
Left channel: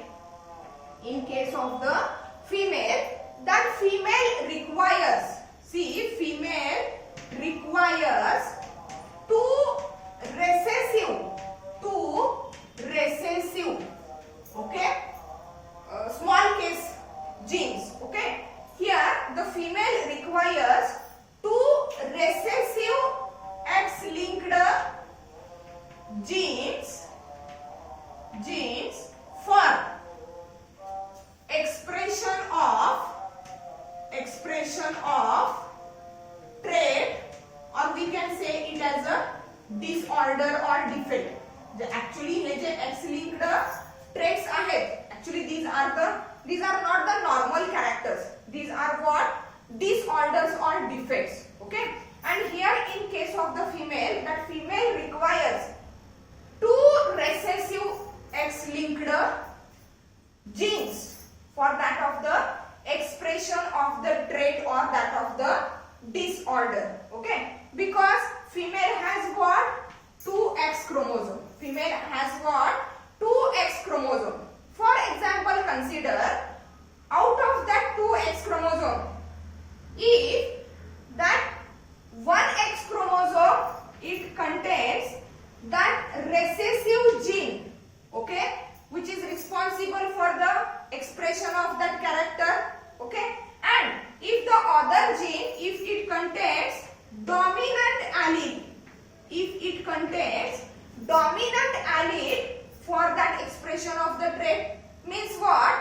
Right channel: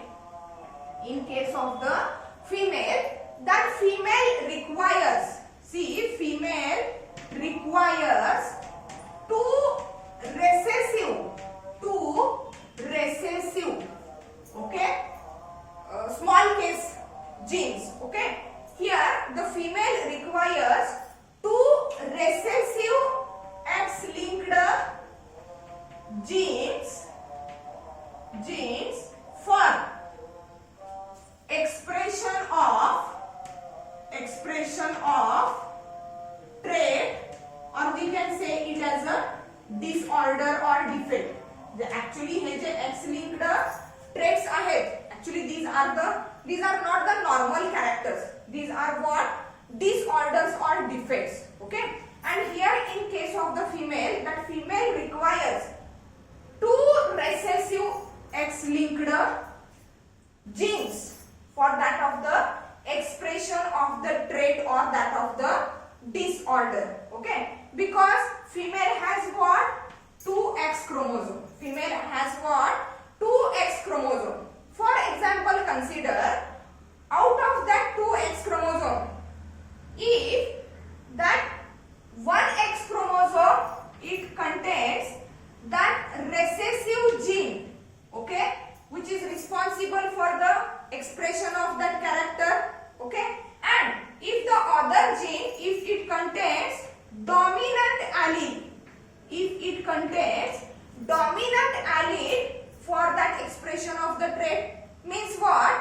that female requires, see, female requires two recessive, okay, small case genes, okay. Here the female requires two recessive X-linked genes for expression of trait, or we can say it as a disorder or defect. Actually hey J X-linked traits आहेत, actually these are not the normal characters. These are what? Disorders or defects, okay. And here in case of the female, that female requires two recessive X-linked genes for that of the expression of the trait or that of the disorder. Okay, because female has got 2X chromosome. Female has got 2X chromosome. For example, consider out of that 2X chromosome, if that 1X chromosome, it contains that recessive gene, okay, which is responsible for the expression of that character, okay, and if the other gene, if it contains dominant allele, if it contains dominant allele for that expression of the trait, means what?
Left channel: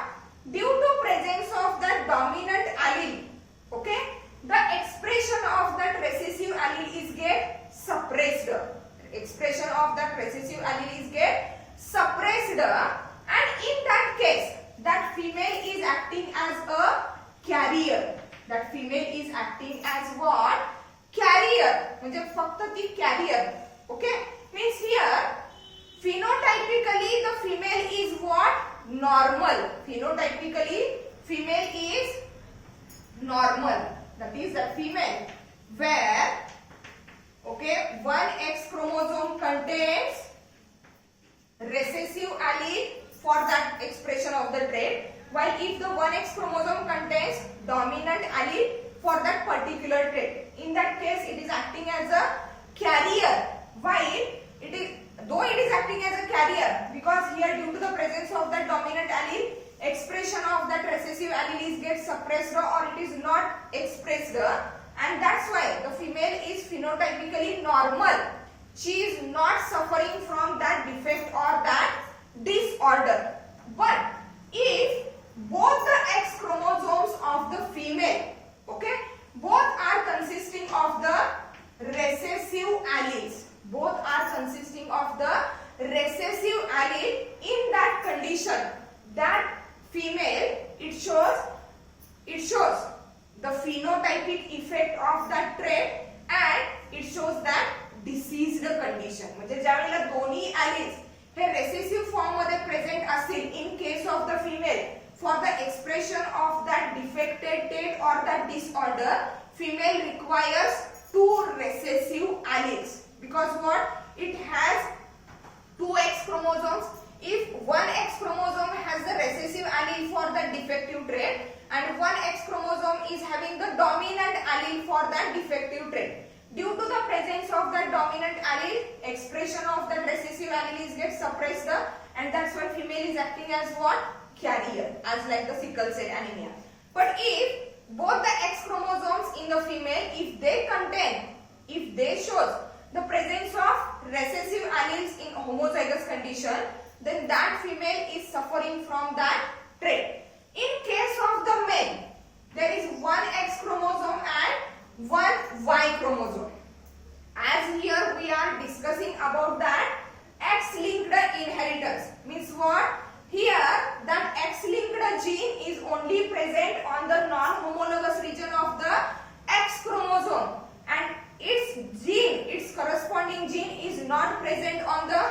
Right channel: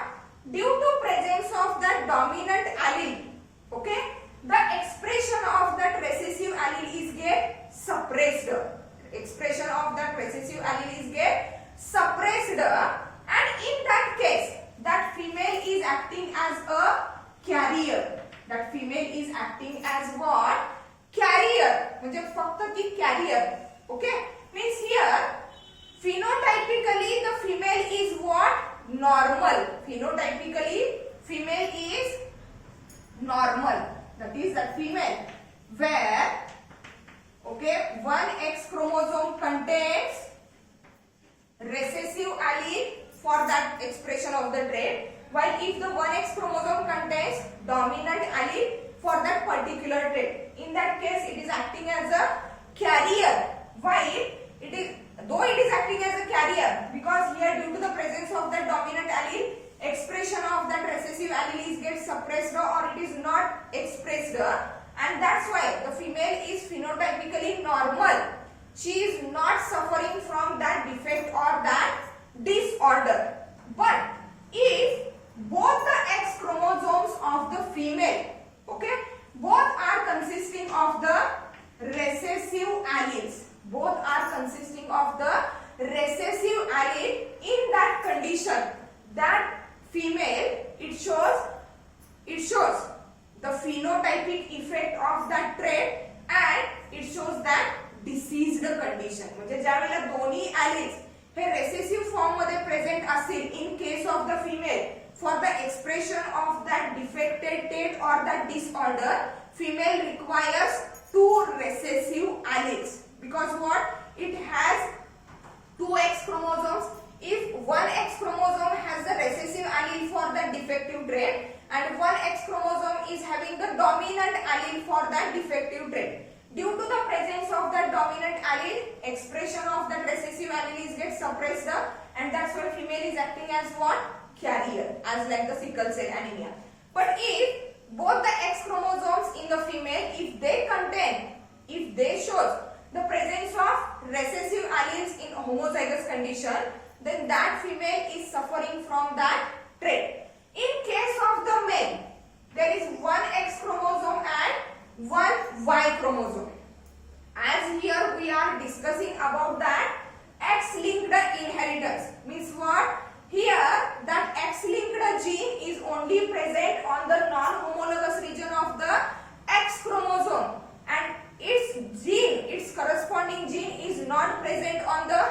Due to presence of that dominant allele, okay, the expression of that recessive allele is get suppressed. Expression of that recessive allele is get suppressed, and in that case, that female is acting as a carrier. That female is acting as what? Carrier. म्हणजे फक्त ती carrier. Okay? Means here, phenotypically the female is what? Normal. Phenotypically, female is normal. That is the female where, okay, 1X chromosome contains recessive allele for that expression of the trait, while if the 1X chromosome contains dominant allele for that particular trait, in that case it is acting as a carrier. While it is, though it is acting as a carrier, because here due to the presence of that dominant allele, expression of that recessive allele is get suppressed or it is not expressed, and that's why the female is phenotypically normal. She is not suffering from that defect or that disorder. But if both the X chromosomes of the female, okay, both are consisting of the recessive alleles, both are consisting of the recessive allele, in that condition, that female, it shows the phenotypic effect of that trait and it shows that diseased condition. म्हणजे ज्यावेळेला दोन्ही alleles हे recessive form मध्ये present असतील in case of the female, for the expression of that defected trait or that disorder, female requires 2 recessive alleles, because what? It has 2X chromosomes. If 1X chromosome has the recessive allele for the defective trait and 1X chromosome is having the dominant allele for that defective trait, due to the presence of that dominant allele, expression of that recessive allele is get suppressed, and that's why female is acting as what? Carrier, as like the sickle cell anemia. But if both the X chromosomes in the female, if they shows the presence of recessive alleles in homozygous condition, then that female is suffering from that trait. In case of the male, there is 1X chromosome and 1 Y chromosome. As here we are discussing about that X-linked inheritance. Means what? Here that X-linked gene is only present on the non-homologous region of the X chromosome, and its corresponding gene is not present on the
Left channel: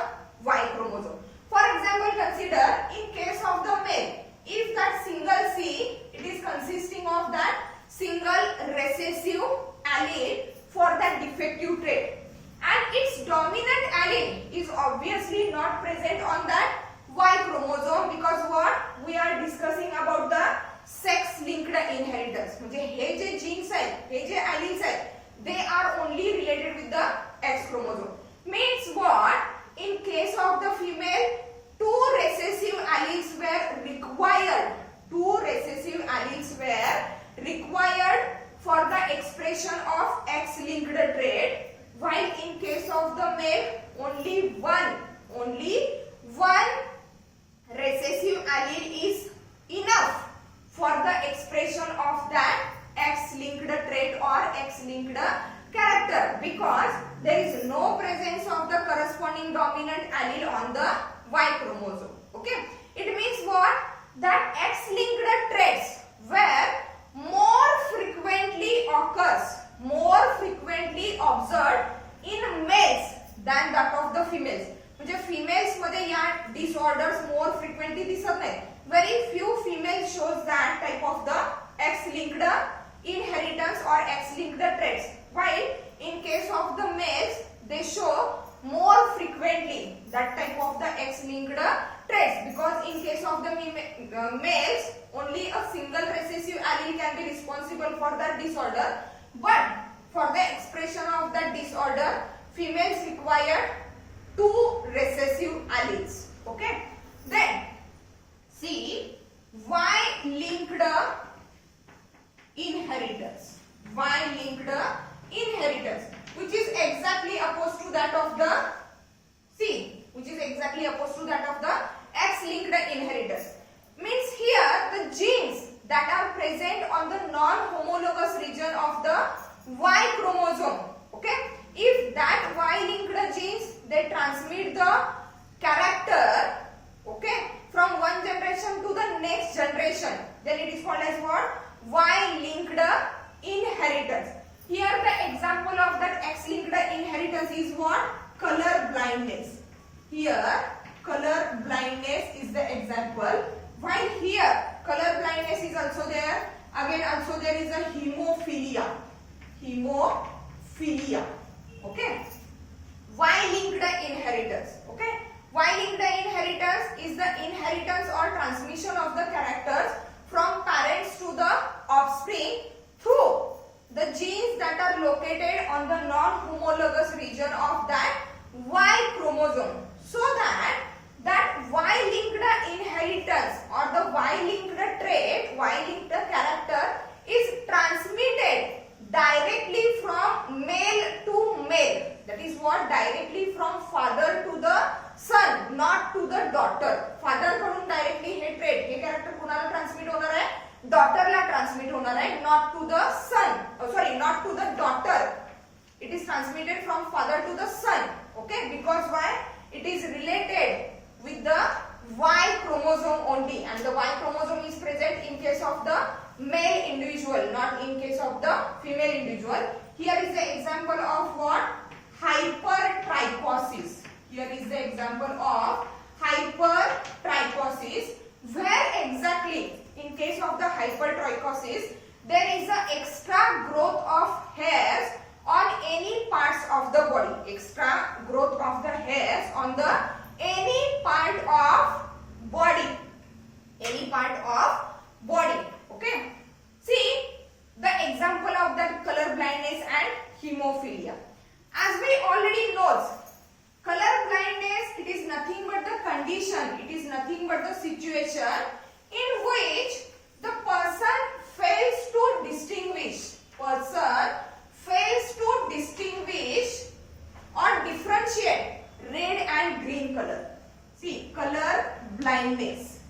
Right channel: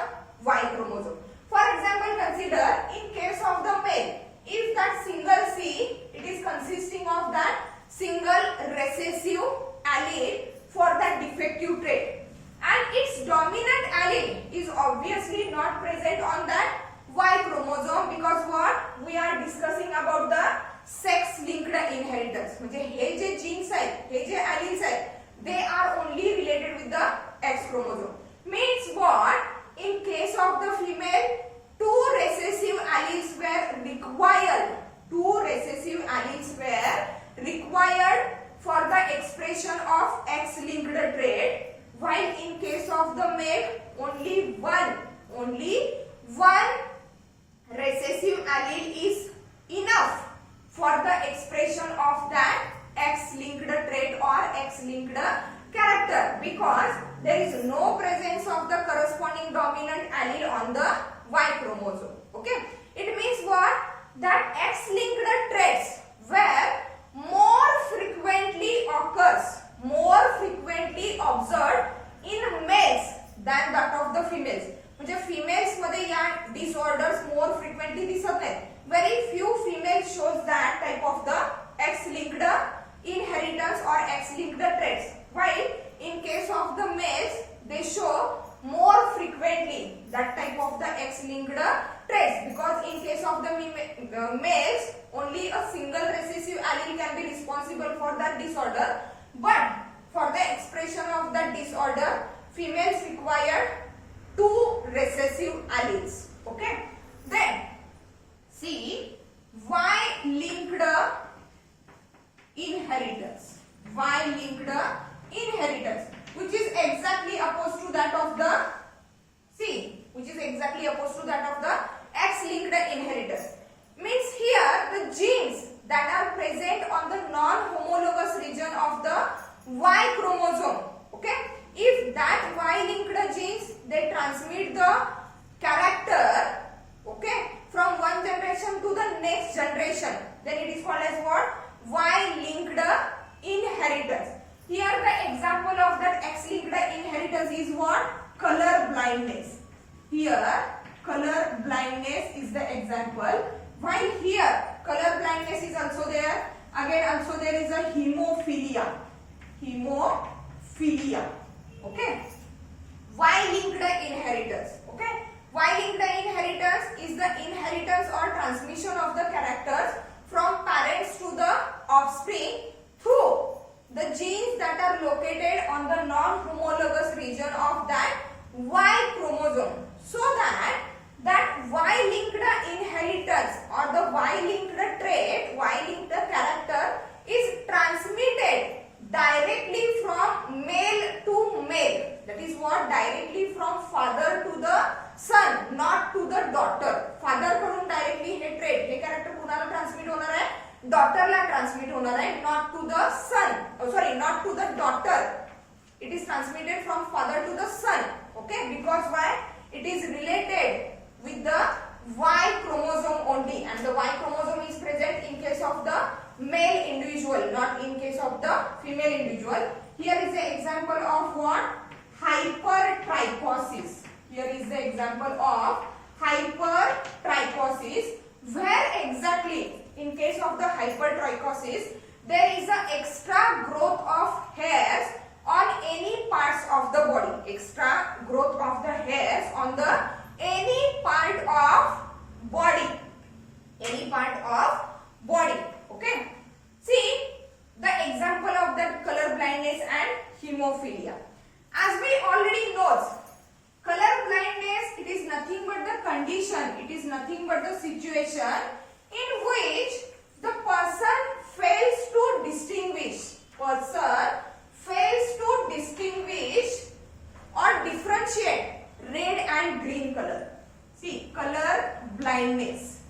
Y chromosome. For example, consider in case of the male, if that single C, it is consisting of that single recessive allele for that defective trait, and its dominant allele is obviously not present on that Y chromosome, because what? We are discussing about the sex linked inheritance. म्हणजे हे जे genes आहेत, हे जे alleles आहेत, they are only related with the X chromosome. Means what? In case of the female, 2 recessive alleles were required. 2 recessive alleles were required for the expression of X-linked trait, while in case of the male, only one recessive allele is enough for the expression of that X-linked trait or X-linked character, because there is no presence of the corresponding dominant allele on the Y chromosome. Okay, it means what? That X-linked traits were more frequently observed in males than that of the females. म्हणजे females मध्ये या disorders more frequently दिसत नाहीत, very few females shows that type of the X-linked inheritance or X-linked traits, while in case of the males they show more frequently that type of the X-linked traits, because in case of the males only a single recessive allele can be responsible for that disorder, but for the expression of that disorder females require two recessive alleles. Okay, then see Y-linked inheritance. Y-linked inheritance, which is exactly opposed to that of the which is exactly opposed to that of the X-linked inheritance. Means here the genes that are present on the non-homologous region of the Y chromosome. Okay, if that Y-linked genes they transmit the character, okay, from one generation to the next generation, then it is called as what? Y-linked inheritance. Here the example of that X-linked inheritance is what? Color blindness. Here color blindness is the example, while here color blindness is also there. Again also there is a hemophilia. Hemophilia. Okay. Y-linked inheritance. Okay. Y-linked inheritance is the inheritance or transmission of the characters from parents to the offspring through the genes that are located on the non-homologous region of that Y chromosome, so that Y-linked inheritance or the Y-linked trait, Y-linked character is transmitted directly from male to male. That is what? Directly from father to the son, not to the daughter. Father कडून directly हे trait, हे character कुणाला transmit होणार आहे? Daughter ला transmit होणार आहे, not to the son. Not to the daughter. It is transmitted from father to the son. Okay, because why? It is related with the Y chromosome only, and the Y chromosome is present in case of the male individual, not in case of the female individual. Here is the example of what? Hypertrichosis. Here is the example of hypertrichosis, where exactly in case of the hypertrichosis there is a extra growth of hairs on any parts of the body. Extra growth of the hairs on the any part of body. Any part of body. Okay. See the example of that color blindness and hemophilia. As we already know, color blindness, it is nothing but the condition, it is nothing but the situation in which the person fails to distinguish or differentiate red and green color. See, color blindness.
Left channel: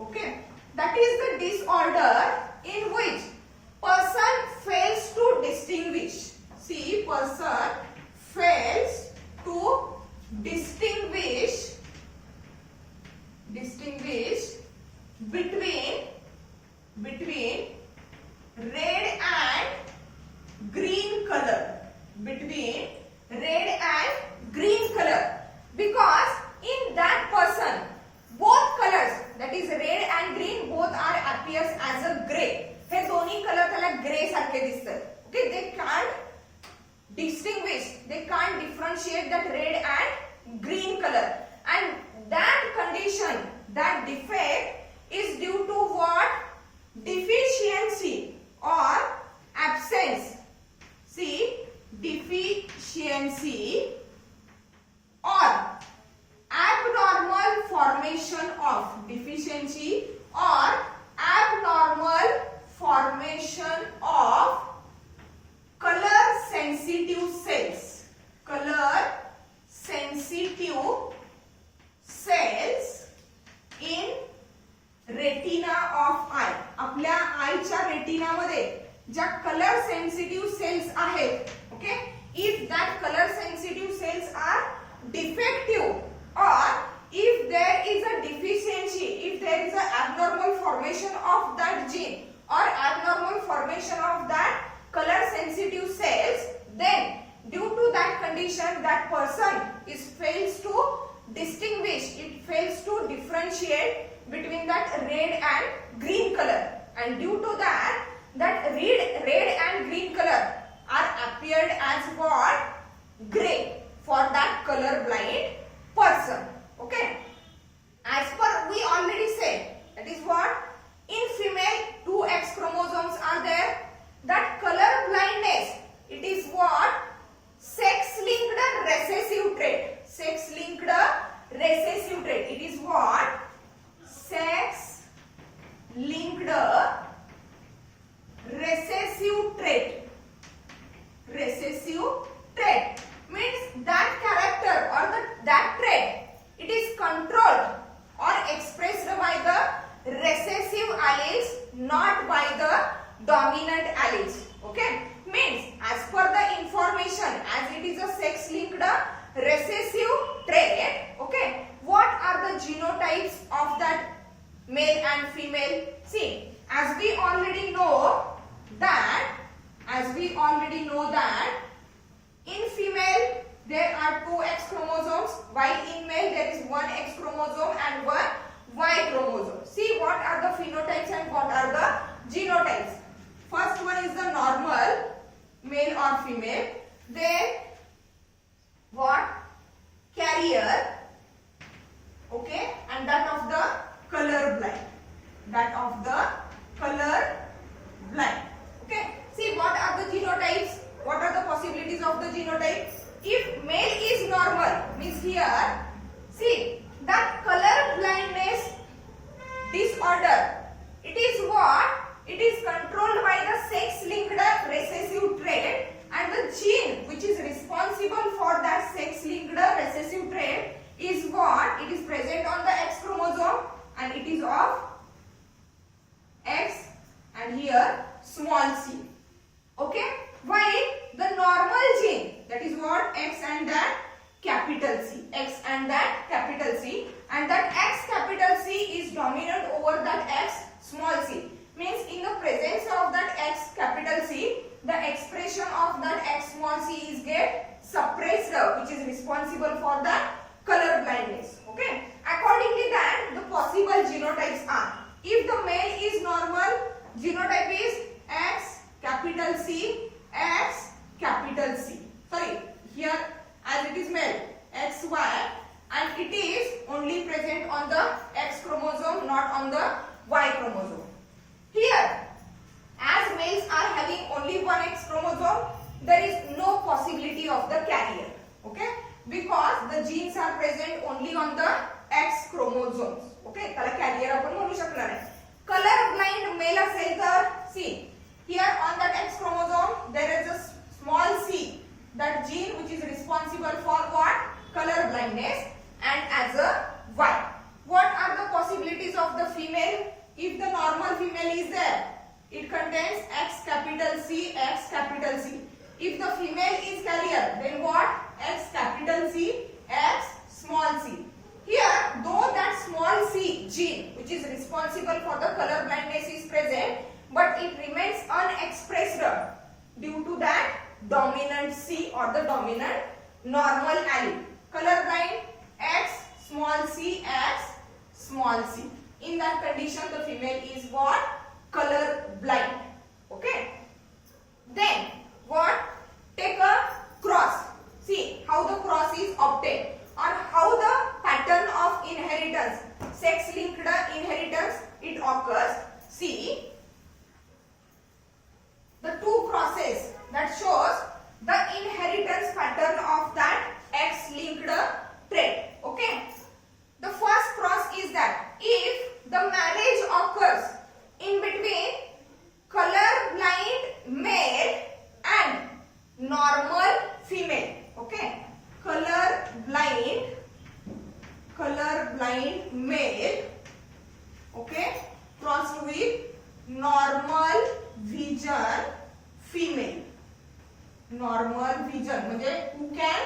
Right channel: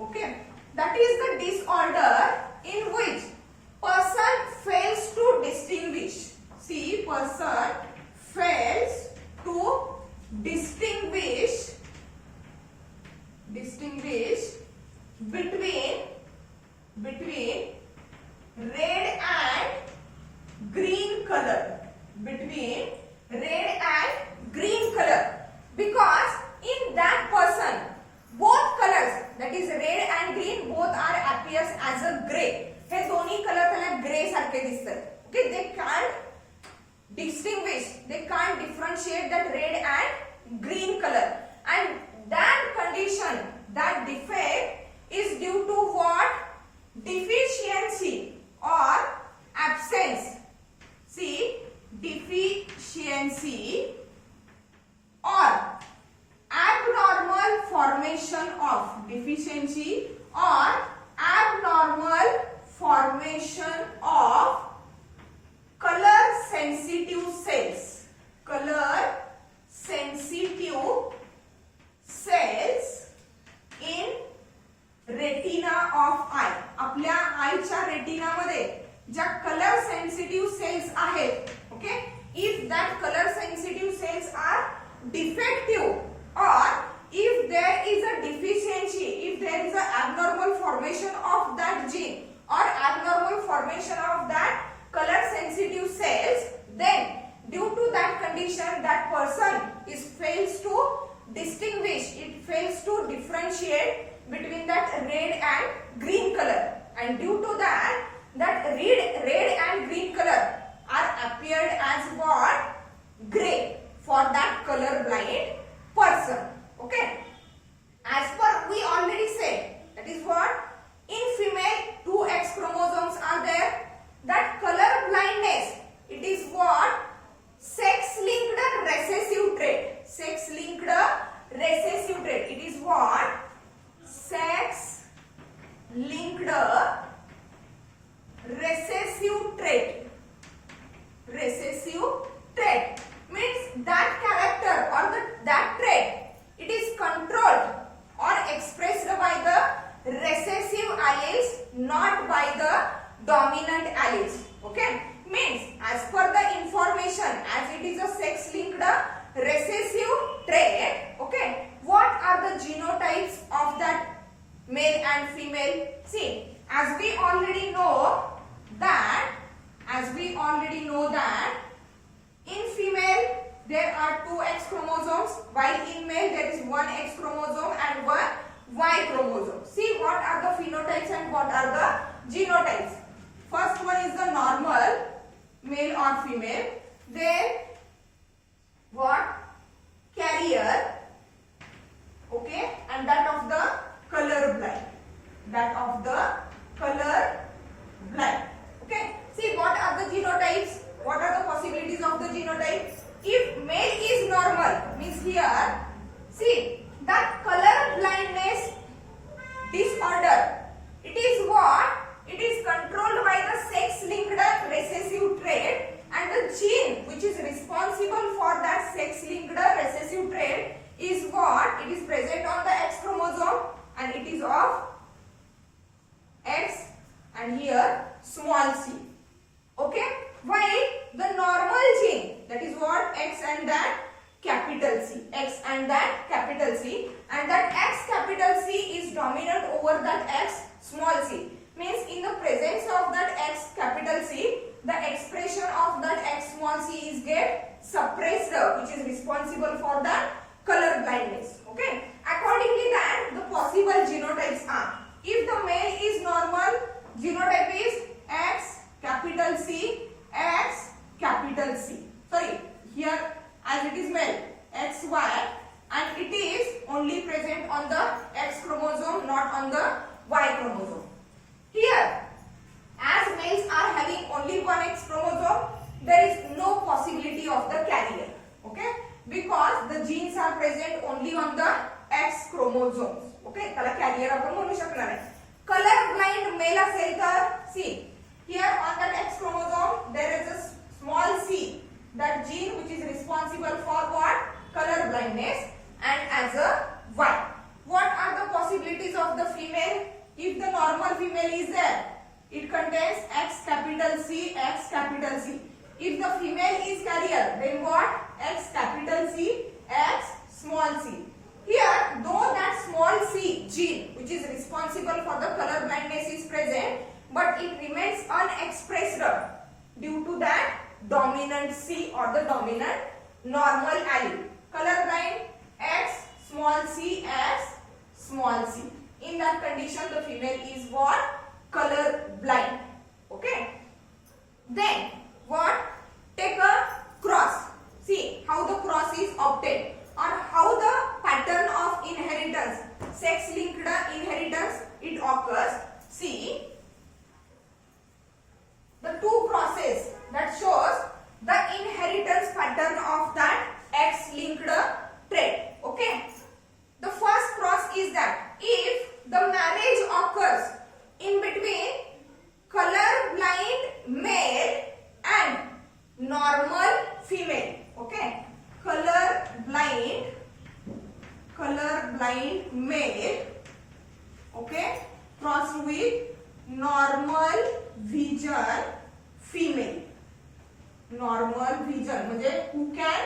Okay, that is the disorder in which person fails to distinguish. See, person fails to distinguish between red and green color. Because in that person both colors, that is red and green, both are appears as a gray. हे दोन्ही colour त्याला grey सारखे दिसतात. Okay, they can't distinguish, they can't differentiate that red and green color, and that condition, that defect is due to what? Deficiency or absence. See, deficiency or abnormal formation of color sensitive cells in retina of eye. आपल्या आईच्या retina मध्ये ज्या colour sensitive sales आहेत, okay, if that color sensitive cells are defective or if there is a deficiency, if there is a abnormal formation of that gene or abnormal formation of that color sensitive cells, then due to that condition that person fails to distinguish, it fails to differentiate between that red and green color, and due to that red and green color are appeared as what? Gray for that color blind person. Okay, as per we already said, that is what, in female 2 X chromosomes are there. That color blindness, it is what? Sex linked recessive trait. Sex linked recessive trait. It is what? Sex linked recessive trait. Recessive trait means that character or that trait, it is controlled or expressed by the recessive alleles, not by the dominant alleles. Okay, means as per the information, as it is a sex linked recessive trait, okay, what are the genotypes of that male and female? See, as we already know that in female there are 2 X chromosomes, while in male there is 1 X chromosome and 1 Y chromosome. See what are the phenotypes and what are the genotypes. First one is the normal, male or female. Then what? Carrier. Okay, and that of the color blind. That of the color blind. Okay, see what are the genotypes? What are the possibilities of the genotype? If male is normal, means here, see that color blindness disorder, it is what? It is controlled by the sex linked recessive trait, and the gene which is responsible for that sex linked recessive trait is what? It is present on the X chromosome and it is of X and here small c. Okay, while the normal gene, that is what? X and that capital C. X and that capital C, and that X capital C is dominant over that X small c. Means in the presence of that X capital C, the expression of that X small c is get suppressed, which is responsible for the color blindness. Okay, accordingly that the possible genotypes are, if the male is normal, genotype is X capital C, X capital C. Sorry, here as it is male, XY, and it is only present on the X chromosome, not on the Y chromosome. Here, as males are having only 1 X chromosome, there is no possibility of the carrier. Okay, because the genes are present only on the X chromosomes. Okay, त्याला carrier आपण म्हणू शकणार नाही. Color blind male असेल तर, see here on that X chromosome there is a small c, that gene which is responsible for what? Color blindness, and as a Y. What are the possibilities of the female? If the normal female is there, it contains X capital C, X capital C. If the female is carrier, then what? X capital C, X small c. Here, though that small c gene which is responsible for the color blindness is present, but it remains unexpressed due to that dominant C or the dominant normal allele. Color blind X small c, X small c. In that condition, the female is what? Color blind. Okay. Then what? Take a cross. See how the cross is obtained, or how the pattern of inheritance, sex linked inheritance, it occurs. See the 2 crosses that shows the inheritance pattern of that X linked trait. Okay. The first cross is that if the marriage occurs in between color blind male and normal female. Okay, color blind male, okay, crossed with normal vision female. Normal vision म्हणजे who can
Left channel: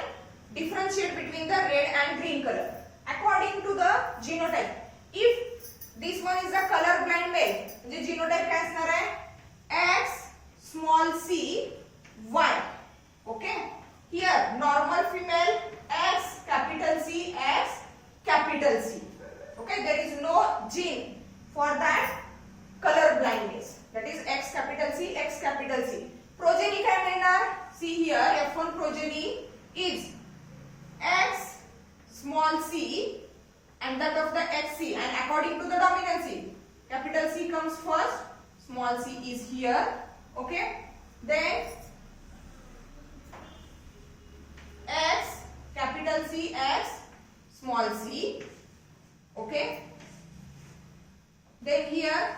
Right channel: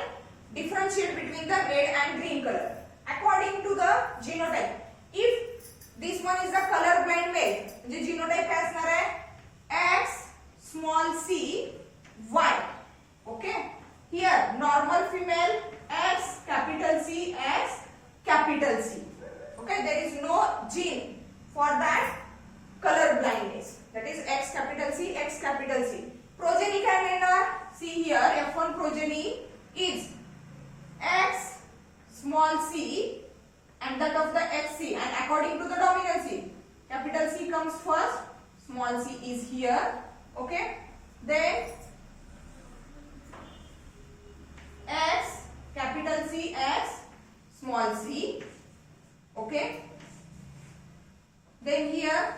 differentiate between the red and green color according to the genotype. If this one is a color blind male, म्हणजे genotype काय असणार आहे? X small c Y. Okay, here normal female X capital C, X small c is here. Okay, then x capital C, x small c. Okay, then here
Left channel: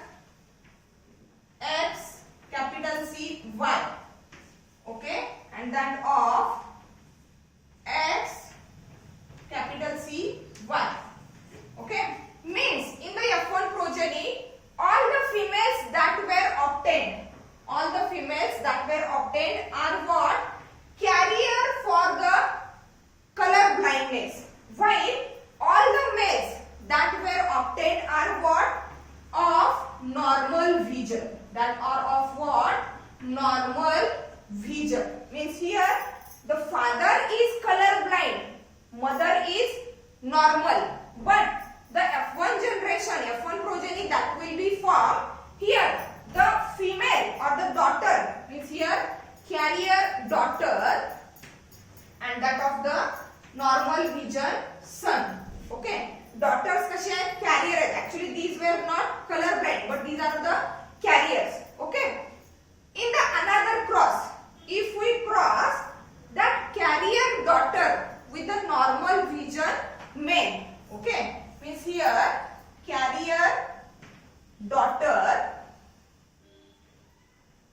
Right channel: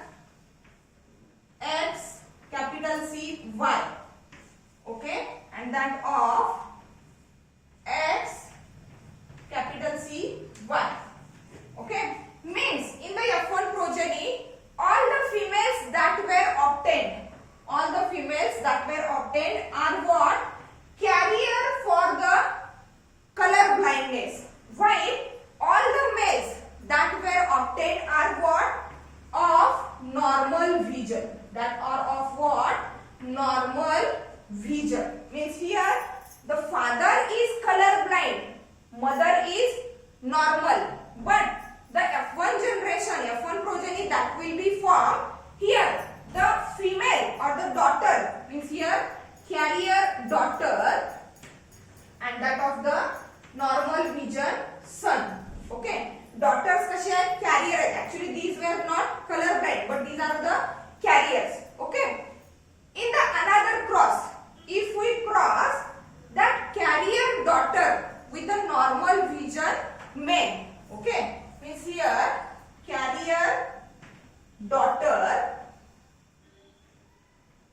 x capital C y. Okay, and that of x capital C y. Okay, means in the F1 progeny all the females that were obtained are what? Carrier for the color blindness, while all the males that were obtained are what? Of normal vision. That are of what? Normal vision. Means here the father is color blind, mother is normal, but the F1 generation, F1 progeny that will be formed, here the female or the daughter, means here carrier daughter and that of the normal vision son. Okay, daughters कसे आहेत? Carrier आहेत. Actually these were not color blind, but these are the carriers. Okay, in the another cross, if we cross that carrier daughter with the normal vision male, okay, means here carrier daughter,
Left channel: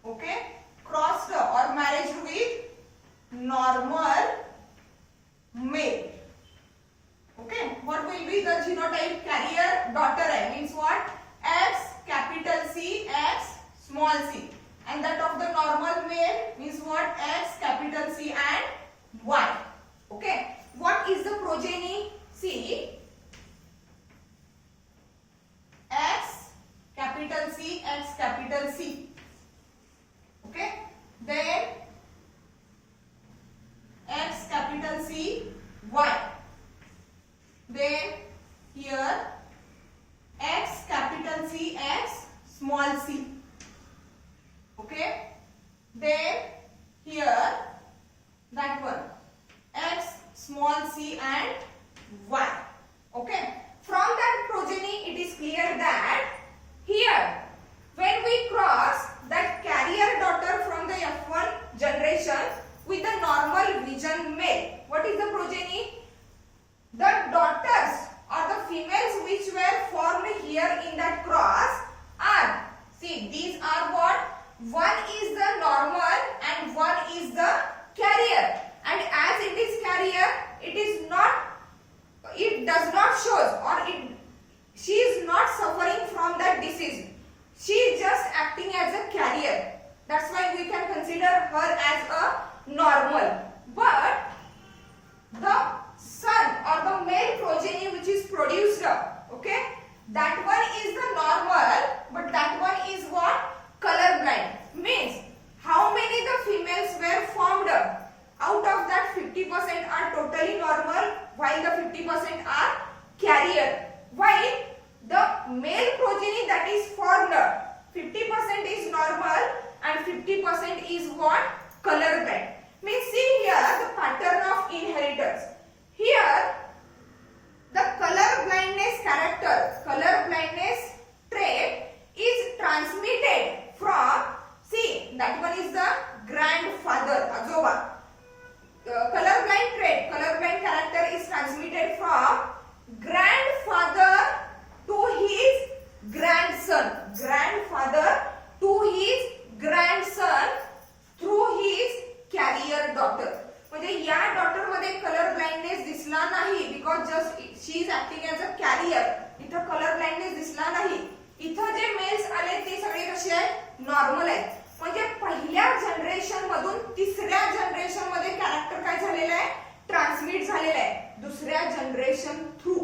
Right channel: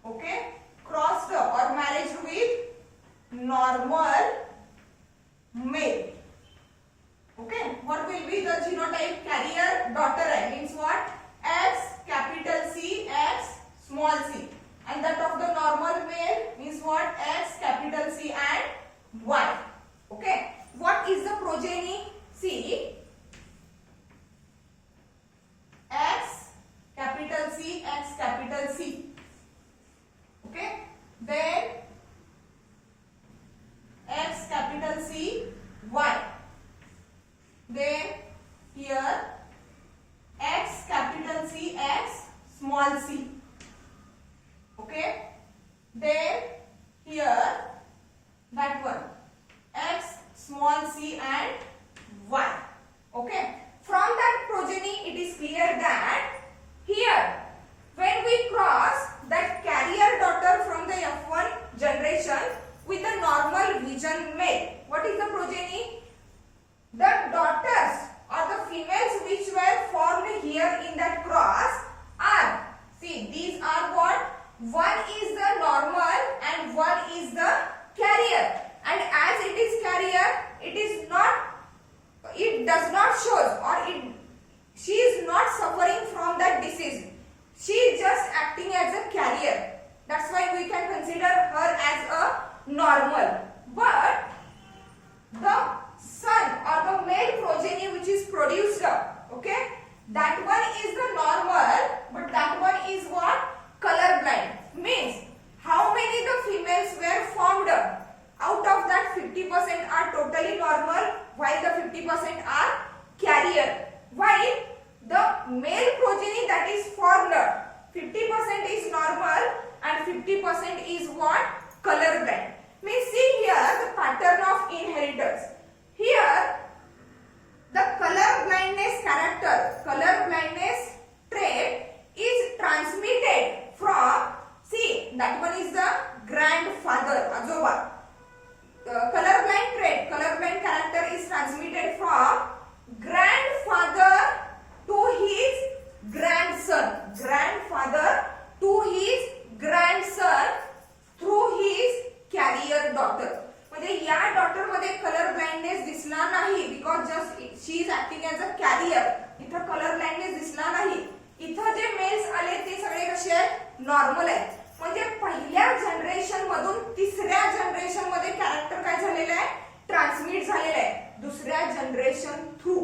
okay, crossed or marriage with normal male. Okay, what will be the genotype? Carrier daughter hai, means what? X capital C, X small c, and that of the normal male means what? X capital C and Y. Okay, what is the progeny? See, X capital C, X capital C. Okay, then X capital C, Y. Then here X capital C, X small c. Okay, then here that one X small c and Y. Okay, from that progeny it is clear that here when we cross that carrier daughter from the F1 generation with the normal vision male, what is the progeny? The daughters or the females which were formed here in that cross are, see, these are what? One is the normal and one is the carrier, and as it is carrier, it does not show or she is not suffering from that disease. She is just acting as a carrier. That's why we can consider her as a normal. But the son or the male progeny which is produced, okay, that one is the normal, but that one is what? Color blind. Means how many the females were formed? Out of that 50% are totally normal, while the 50% are carrier. While the male progeny that is formed, 50% is normal and 50% is what? Color blind. Means see here the pattern of inheritance. Here the color blindness character, color blindness trait is transmitted from, see, that one is the grandfather, ajoba. Color blind trait, color blind character is transmitted from grandfather to his grandson, grandfather to his grandson through his carrier daughter. म्हणजे या daughter मध्ये colour blindness दिसला नाही, because just she is acting as a carrier. इथं colour blindness दिसला नाही. इथं जे mails आले ते सगळे कसे आहेत? नॉर्मल आहेत. म्हणजे पहिल्या जनरेशन मधून तिसऱ्या जनरेशन मध्ये कॅरेक्टर काय झालेलं आहे? ट्रान्समिट झालेलं आहे. दुसऱ्या जनरेशन थ्रू,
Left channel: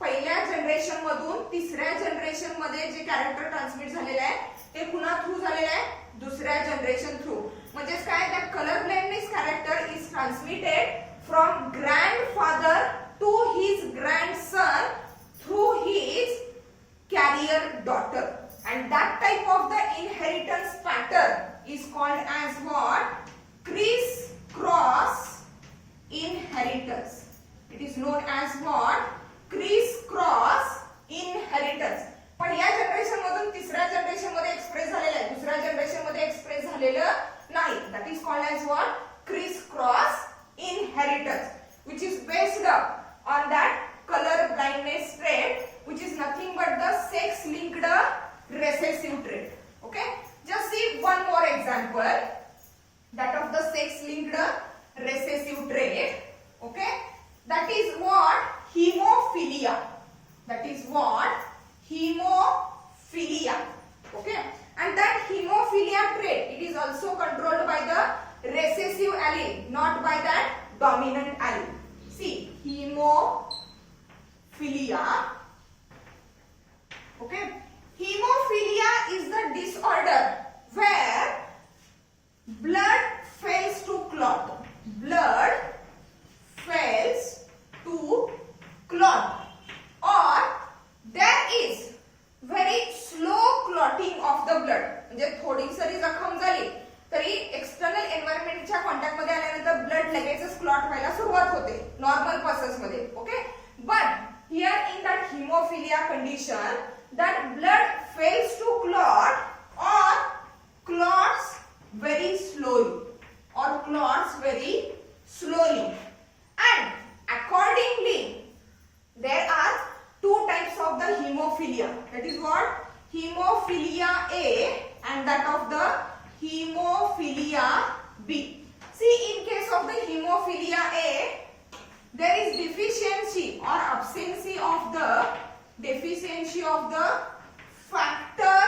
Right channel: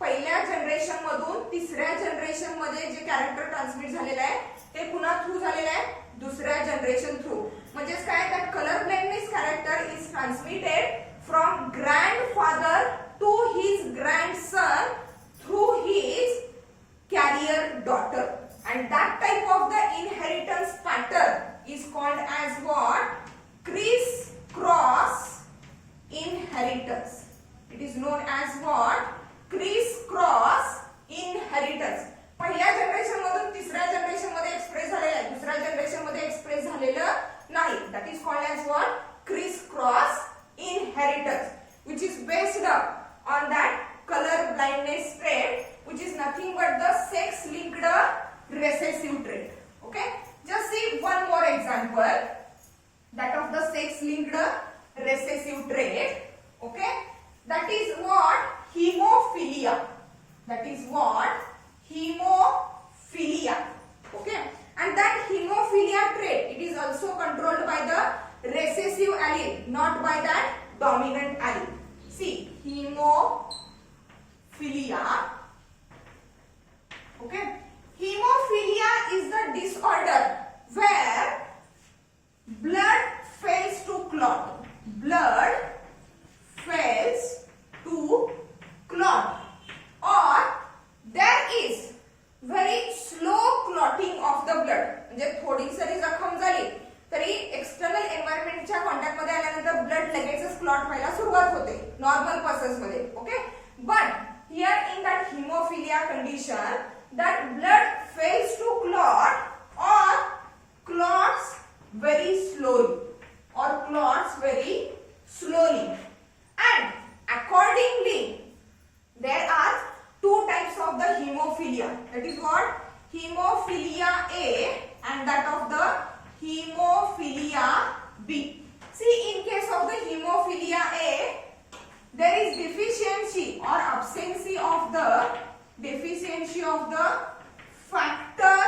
पहिल्या जनरेशन मधून तिसऱ्या जनरेशन मध्ये जे कॅरेक्टर ट्रान्समिट झालेलं आहे ते पुन्हा थ्रू झालेलं आहे दुसऱ्या जनरेशन थ्रू. म्हणजे काय? That colour blindness character is transmitted from grandfather to his grandson through his carrier daughter, and that type of the inheritance pattern is called as what? Criss-cross inheritance. It is known as what? Criss-cross inheritance. पण या generation मधून तिसऱ्या generation मध्ये trait. Okay, just see one more example, that of the sex-linked recessive trait. Okay, that is what hemophilia. That is what hemophilia. Okay, and that hemophilia trait, it is also controlled by the recessive allele, not by that dominant allele. See, hemophilia. Okay, hemophilia is the disorder where blood fails to clot. Blood fails to clot, or there is very slow clotting of the blood. म्हणजे थोडी सरी जखम झाली तरी external एन्व्हायरमेंटच्या contact मध्ये आल्यानंतर blood लगेचच clot व्हायला सुरुवात होते नॉर्मल पर्सन्स मध्ये. Okay, but here in that haemophilia condition that blood fails to clot or clots very slowly, and accordingly there are two types of the hemophilia. That is what hemophilia A and that of the hemophilia B. See, in case of the hemophilia A, there is deficiency or absence of the factor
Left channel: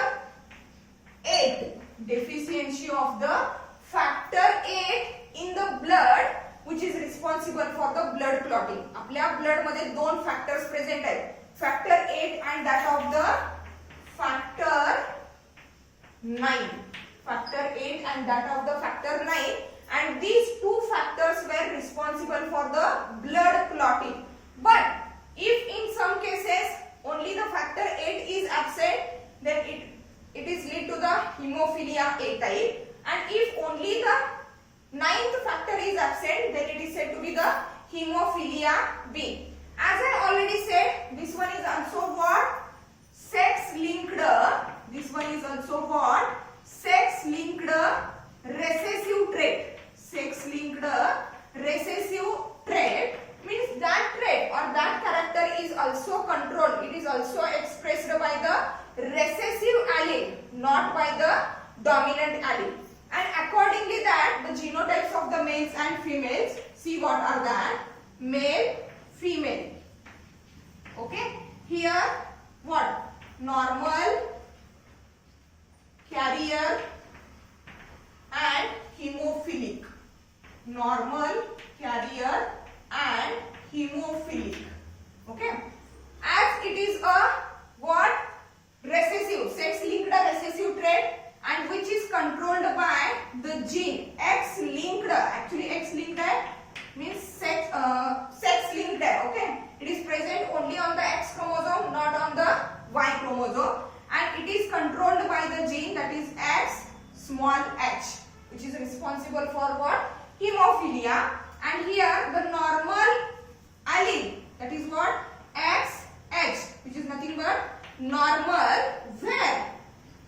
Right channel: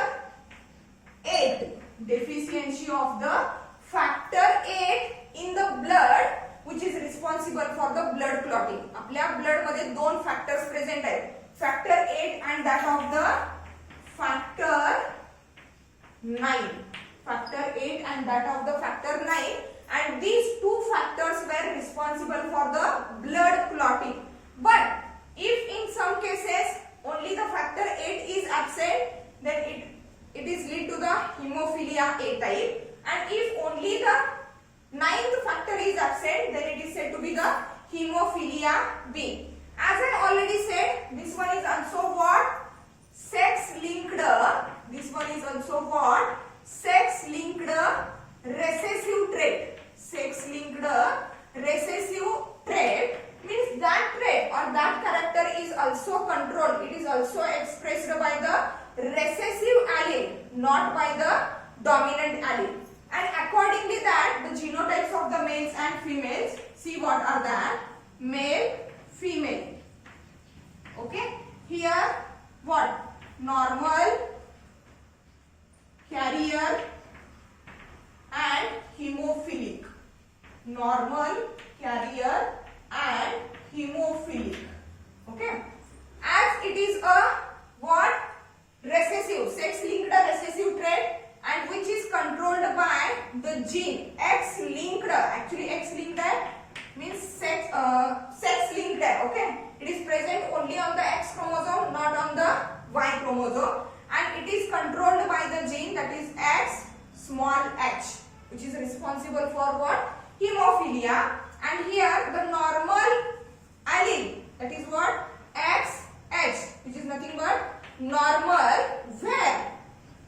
8. Deficiency of the factor 8 in the blood, which is responsible for the blood clotting. आपल्या blood मध्ये दोन factors present आहेत, factor 8 and that of the factor 9. Factor 8 and that of the factor 9, and these two factors were responsible for the blood clotting. But if in some cases only the factor 8 is absent, then it is lead to the hemophilia A type, and if only the 9th factor is absent, then it is said to be the hemophilia B. As I already said, this one is also what? Sex-linked. This one is also what? Sex-linked recessive trait. Sex-linked recessive trait means that trait or that character is also controlled. It is also expressed by the recessive allele, not by the dominant allele. And accordingly that the genotypes of the males and females, see what are that? Male, female. Okay, here what? Normal, carrier and hemophilic. Normal, carrier and hemophilic. Okay, as it is a what? Recessive, sex-linked recessive trait, and which is controlled by the gene X-linked. Actually, X-linked means sex-linked. Okay, it is present only on the X chromosome, not on the Y chromosome, and it is controlled by the gene that is X small h, which is responsible for what? Hemophilia. And here the normal allele, that is what? XH, which is nothing but normal, where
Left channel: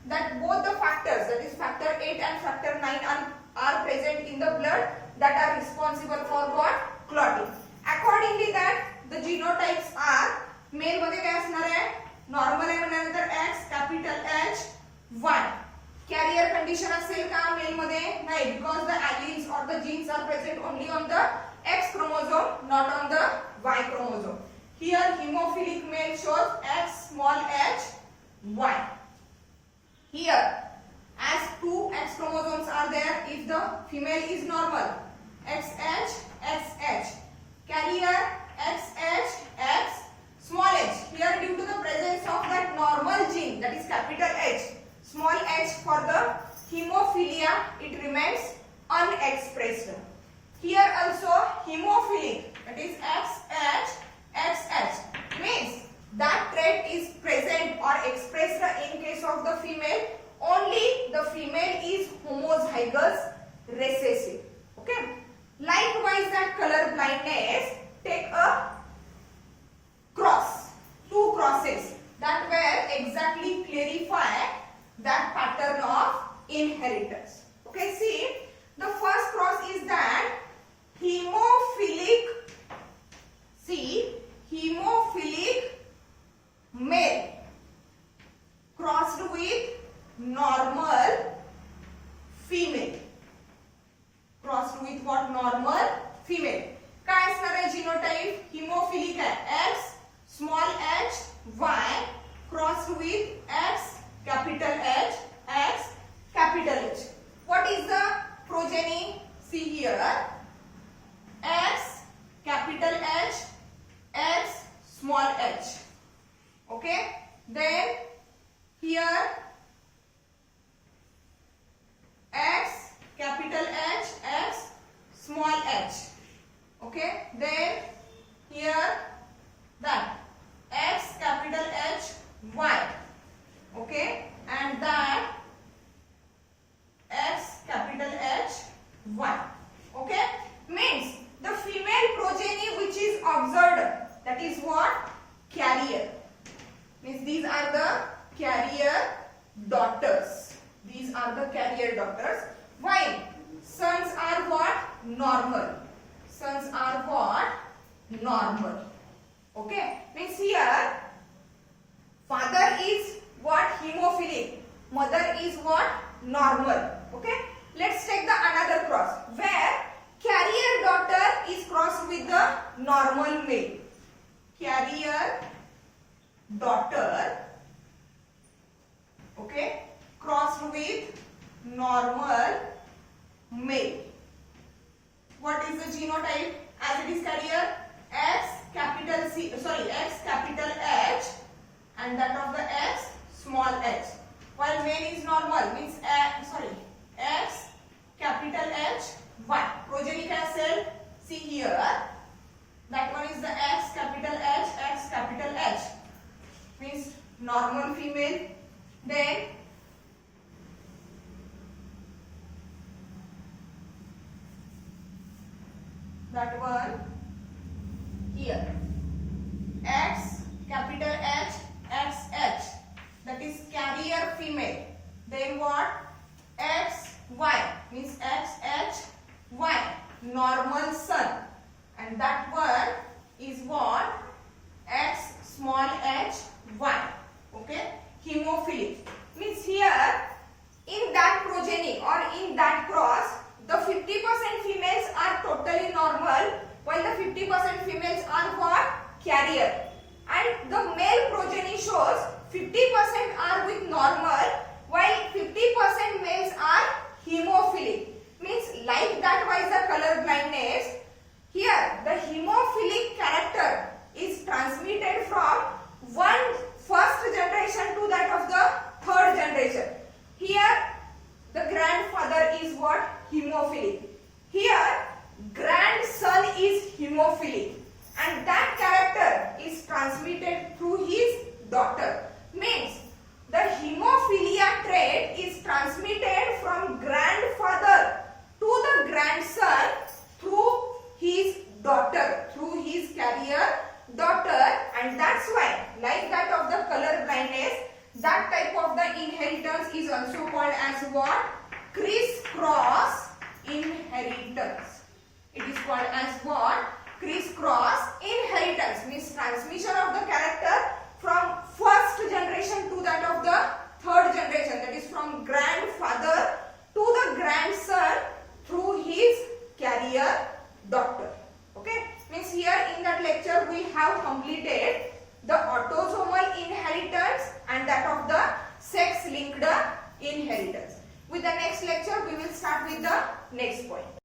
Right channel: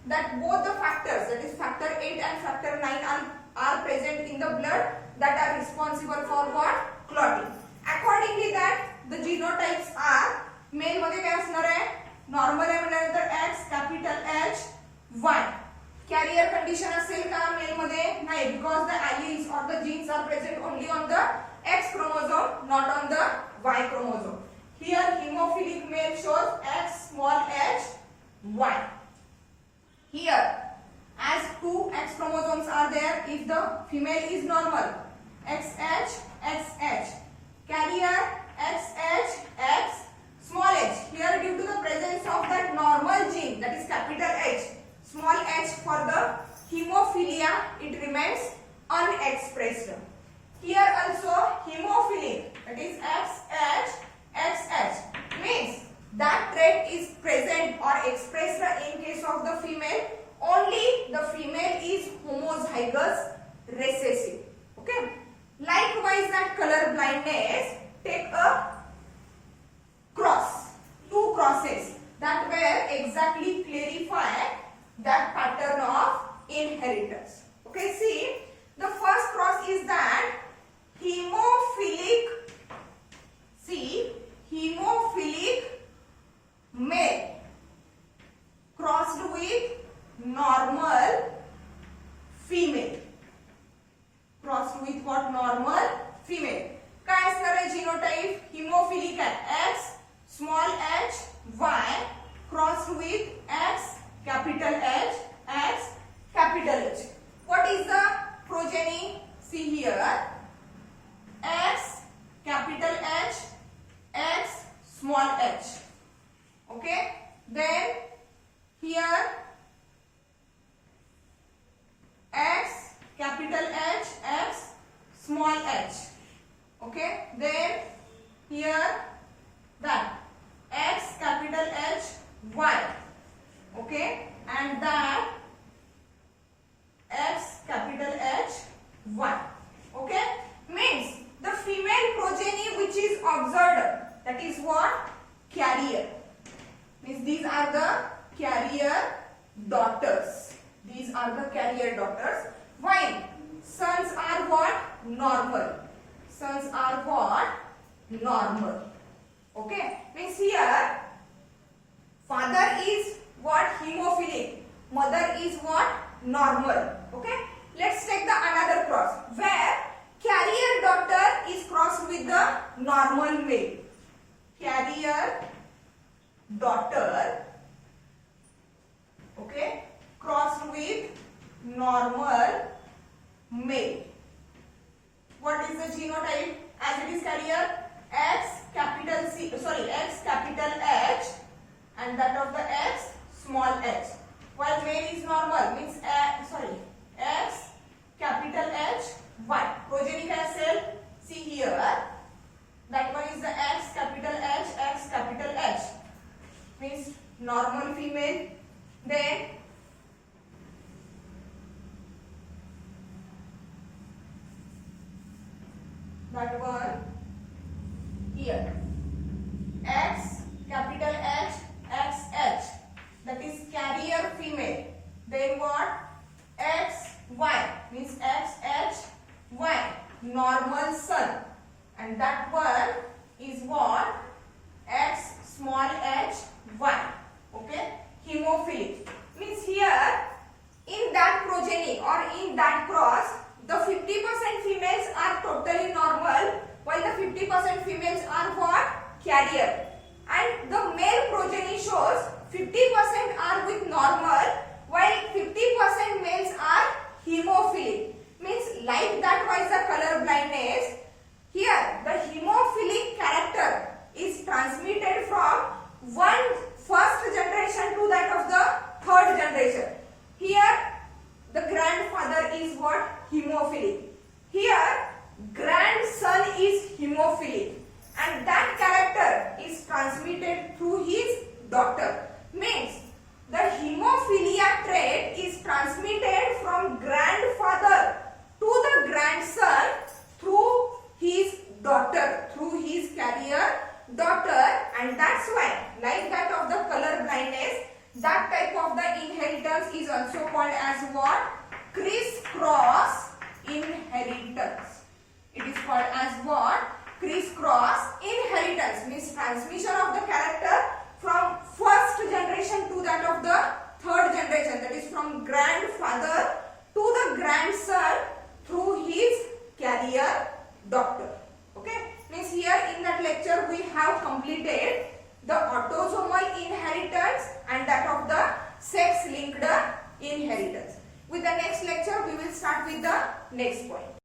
that both the factors, that is factor 8 and factor 9 are present in the blood, that are responsible for what? Clotting. Accordingly that the genotypes are, male मध्ये काय असणार आहे? Normal आहे म्हटल्यानंतर X capital H 1. Carrier condition असेल का mail मध्ये? नाही, because the alleles or the genes are present only on the X chromosome, not on the Y chromosome. Here hemophilic male shows X small h 1. Here as two X chromosomes are there, if the female is normal, XH, XH, carrier XH, X small h. Here due to the presence of that normal gene, that is capital H, small h for the hemophilia, it remains unexpressed. Here also hemophilic, that is XH, XH, means that trait is present or expressed in case of the female, only the female is homozygous recessive. Okay. Likewise that color blindness, take a cross, two crosses that will exactly clarify that pattern of inheritance. Okay, see, the first cross is that hemophilic, see, hemophilic male crossed with normal female. Crossed with what? Normal female. काय असणार आहे genotype? Haemophilic आहे. X small h y crossed with X capital H X capital H. What is the progeny? See here. X capital H X small h. Okay. Then here X capital H X small h. Okay. Then here that X capital H Y. Okay. And that X capital H Y. Okay. Means the female progeny which is observed, that is what? Carrier. Means these are the carrier daughters. These are the carrier daughters. Why? Sons are what? Normal. Sons are what? Normal. Okay. Means here father is what? Hemophilic. Mother is what? Normal. Okay. Let's take the another cross where carrier daughter is crossed with the normal male. Carrier daughter, okay, crossed with normal male. What is the genotype? As it is carrier, X capital C, sorry, X capital H and that of the X small h. While male is normal, means X capital H Y. Progeny cell, see here. That one is the X capital H X capital H. Means normal female. Then that one here, X capital H X H, that is carrier female. Then what? X Y, means X H Y, normal son. And that one is what? X small h Y. Okay. Hemophilic. Means here in that progeny or in that cross, the 50% females are totally normal while the 50% females are what? Carrier. And the male progeny shows 50% are with normal while 50% males are hemophilic. Means like that wise the color blindness. Here the hemophilic character is transmitted from one first generation to that of the third generation. Here the grandfather is what? Hemophilic. Here grandson is hemophilic and that character is transmitted through his daughter. Means the hemophilia trait is transmitted from grandfather to the grandson through his daughter, through his carrier daughter, and that's why, like that of the color blindness, that type of the inheritance is also called as what? Criss-cross inheritance. It is called as what? Criss-cross inheritance. Means transmission of the character from first generation to that of the third generation, that is from grandfather to the grandson through his carrier daughter. Okay. Means here in that lecture we have completed the autosomal inheritance and that of the sex linked inheritance. With the next lecture we will start with the next point.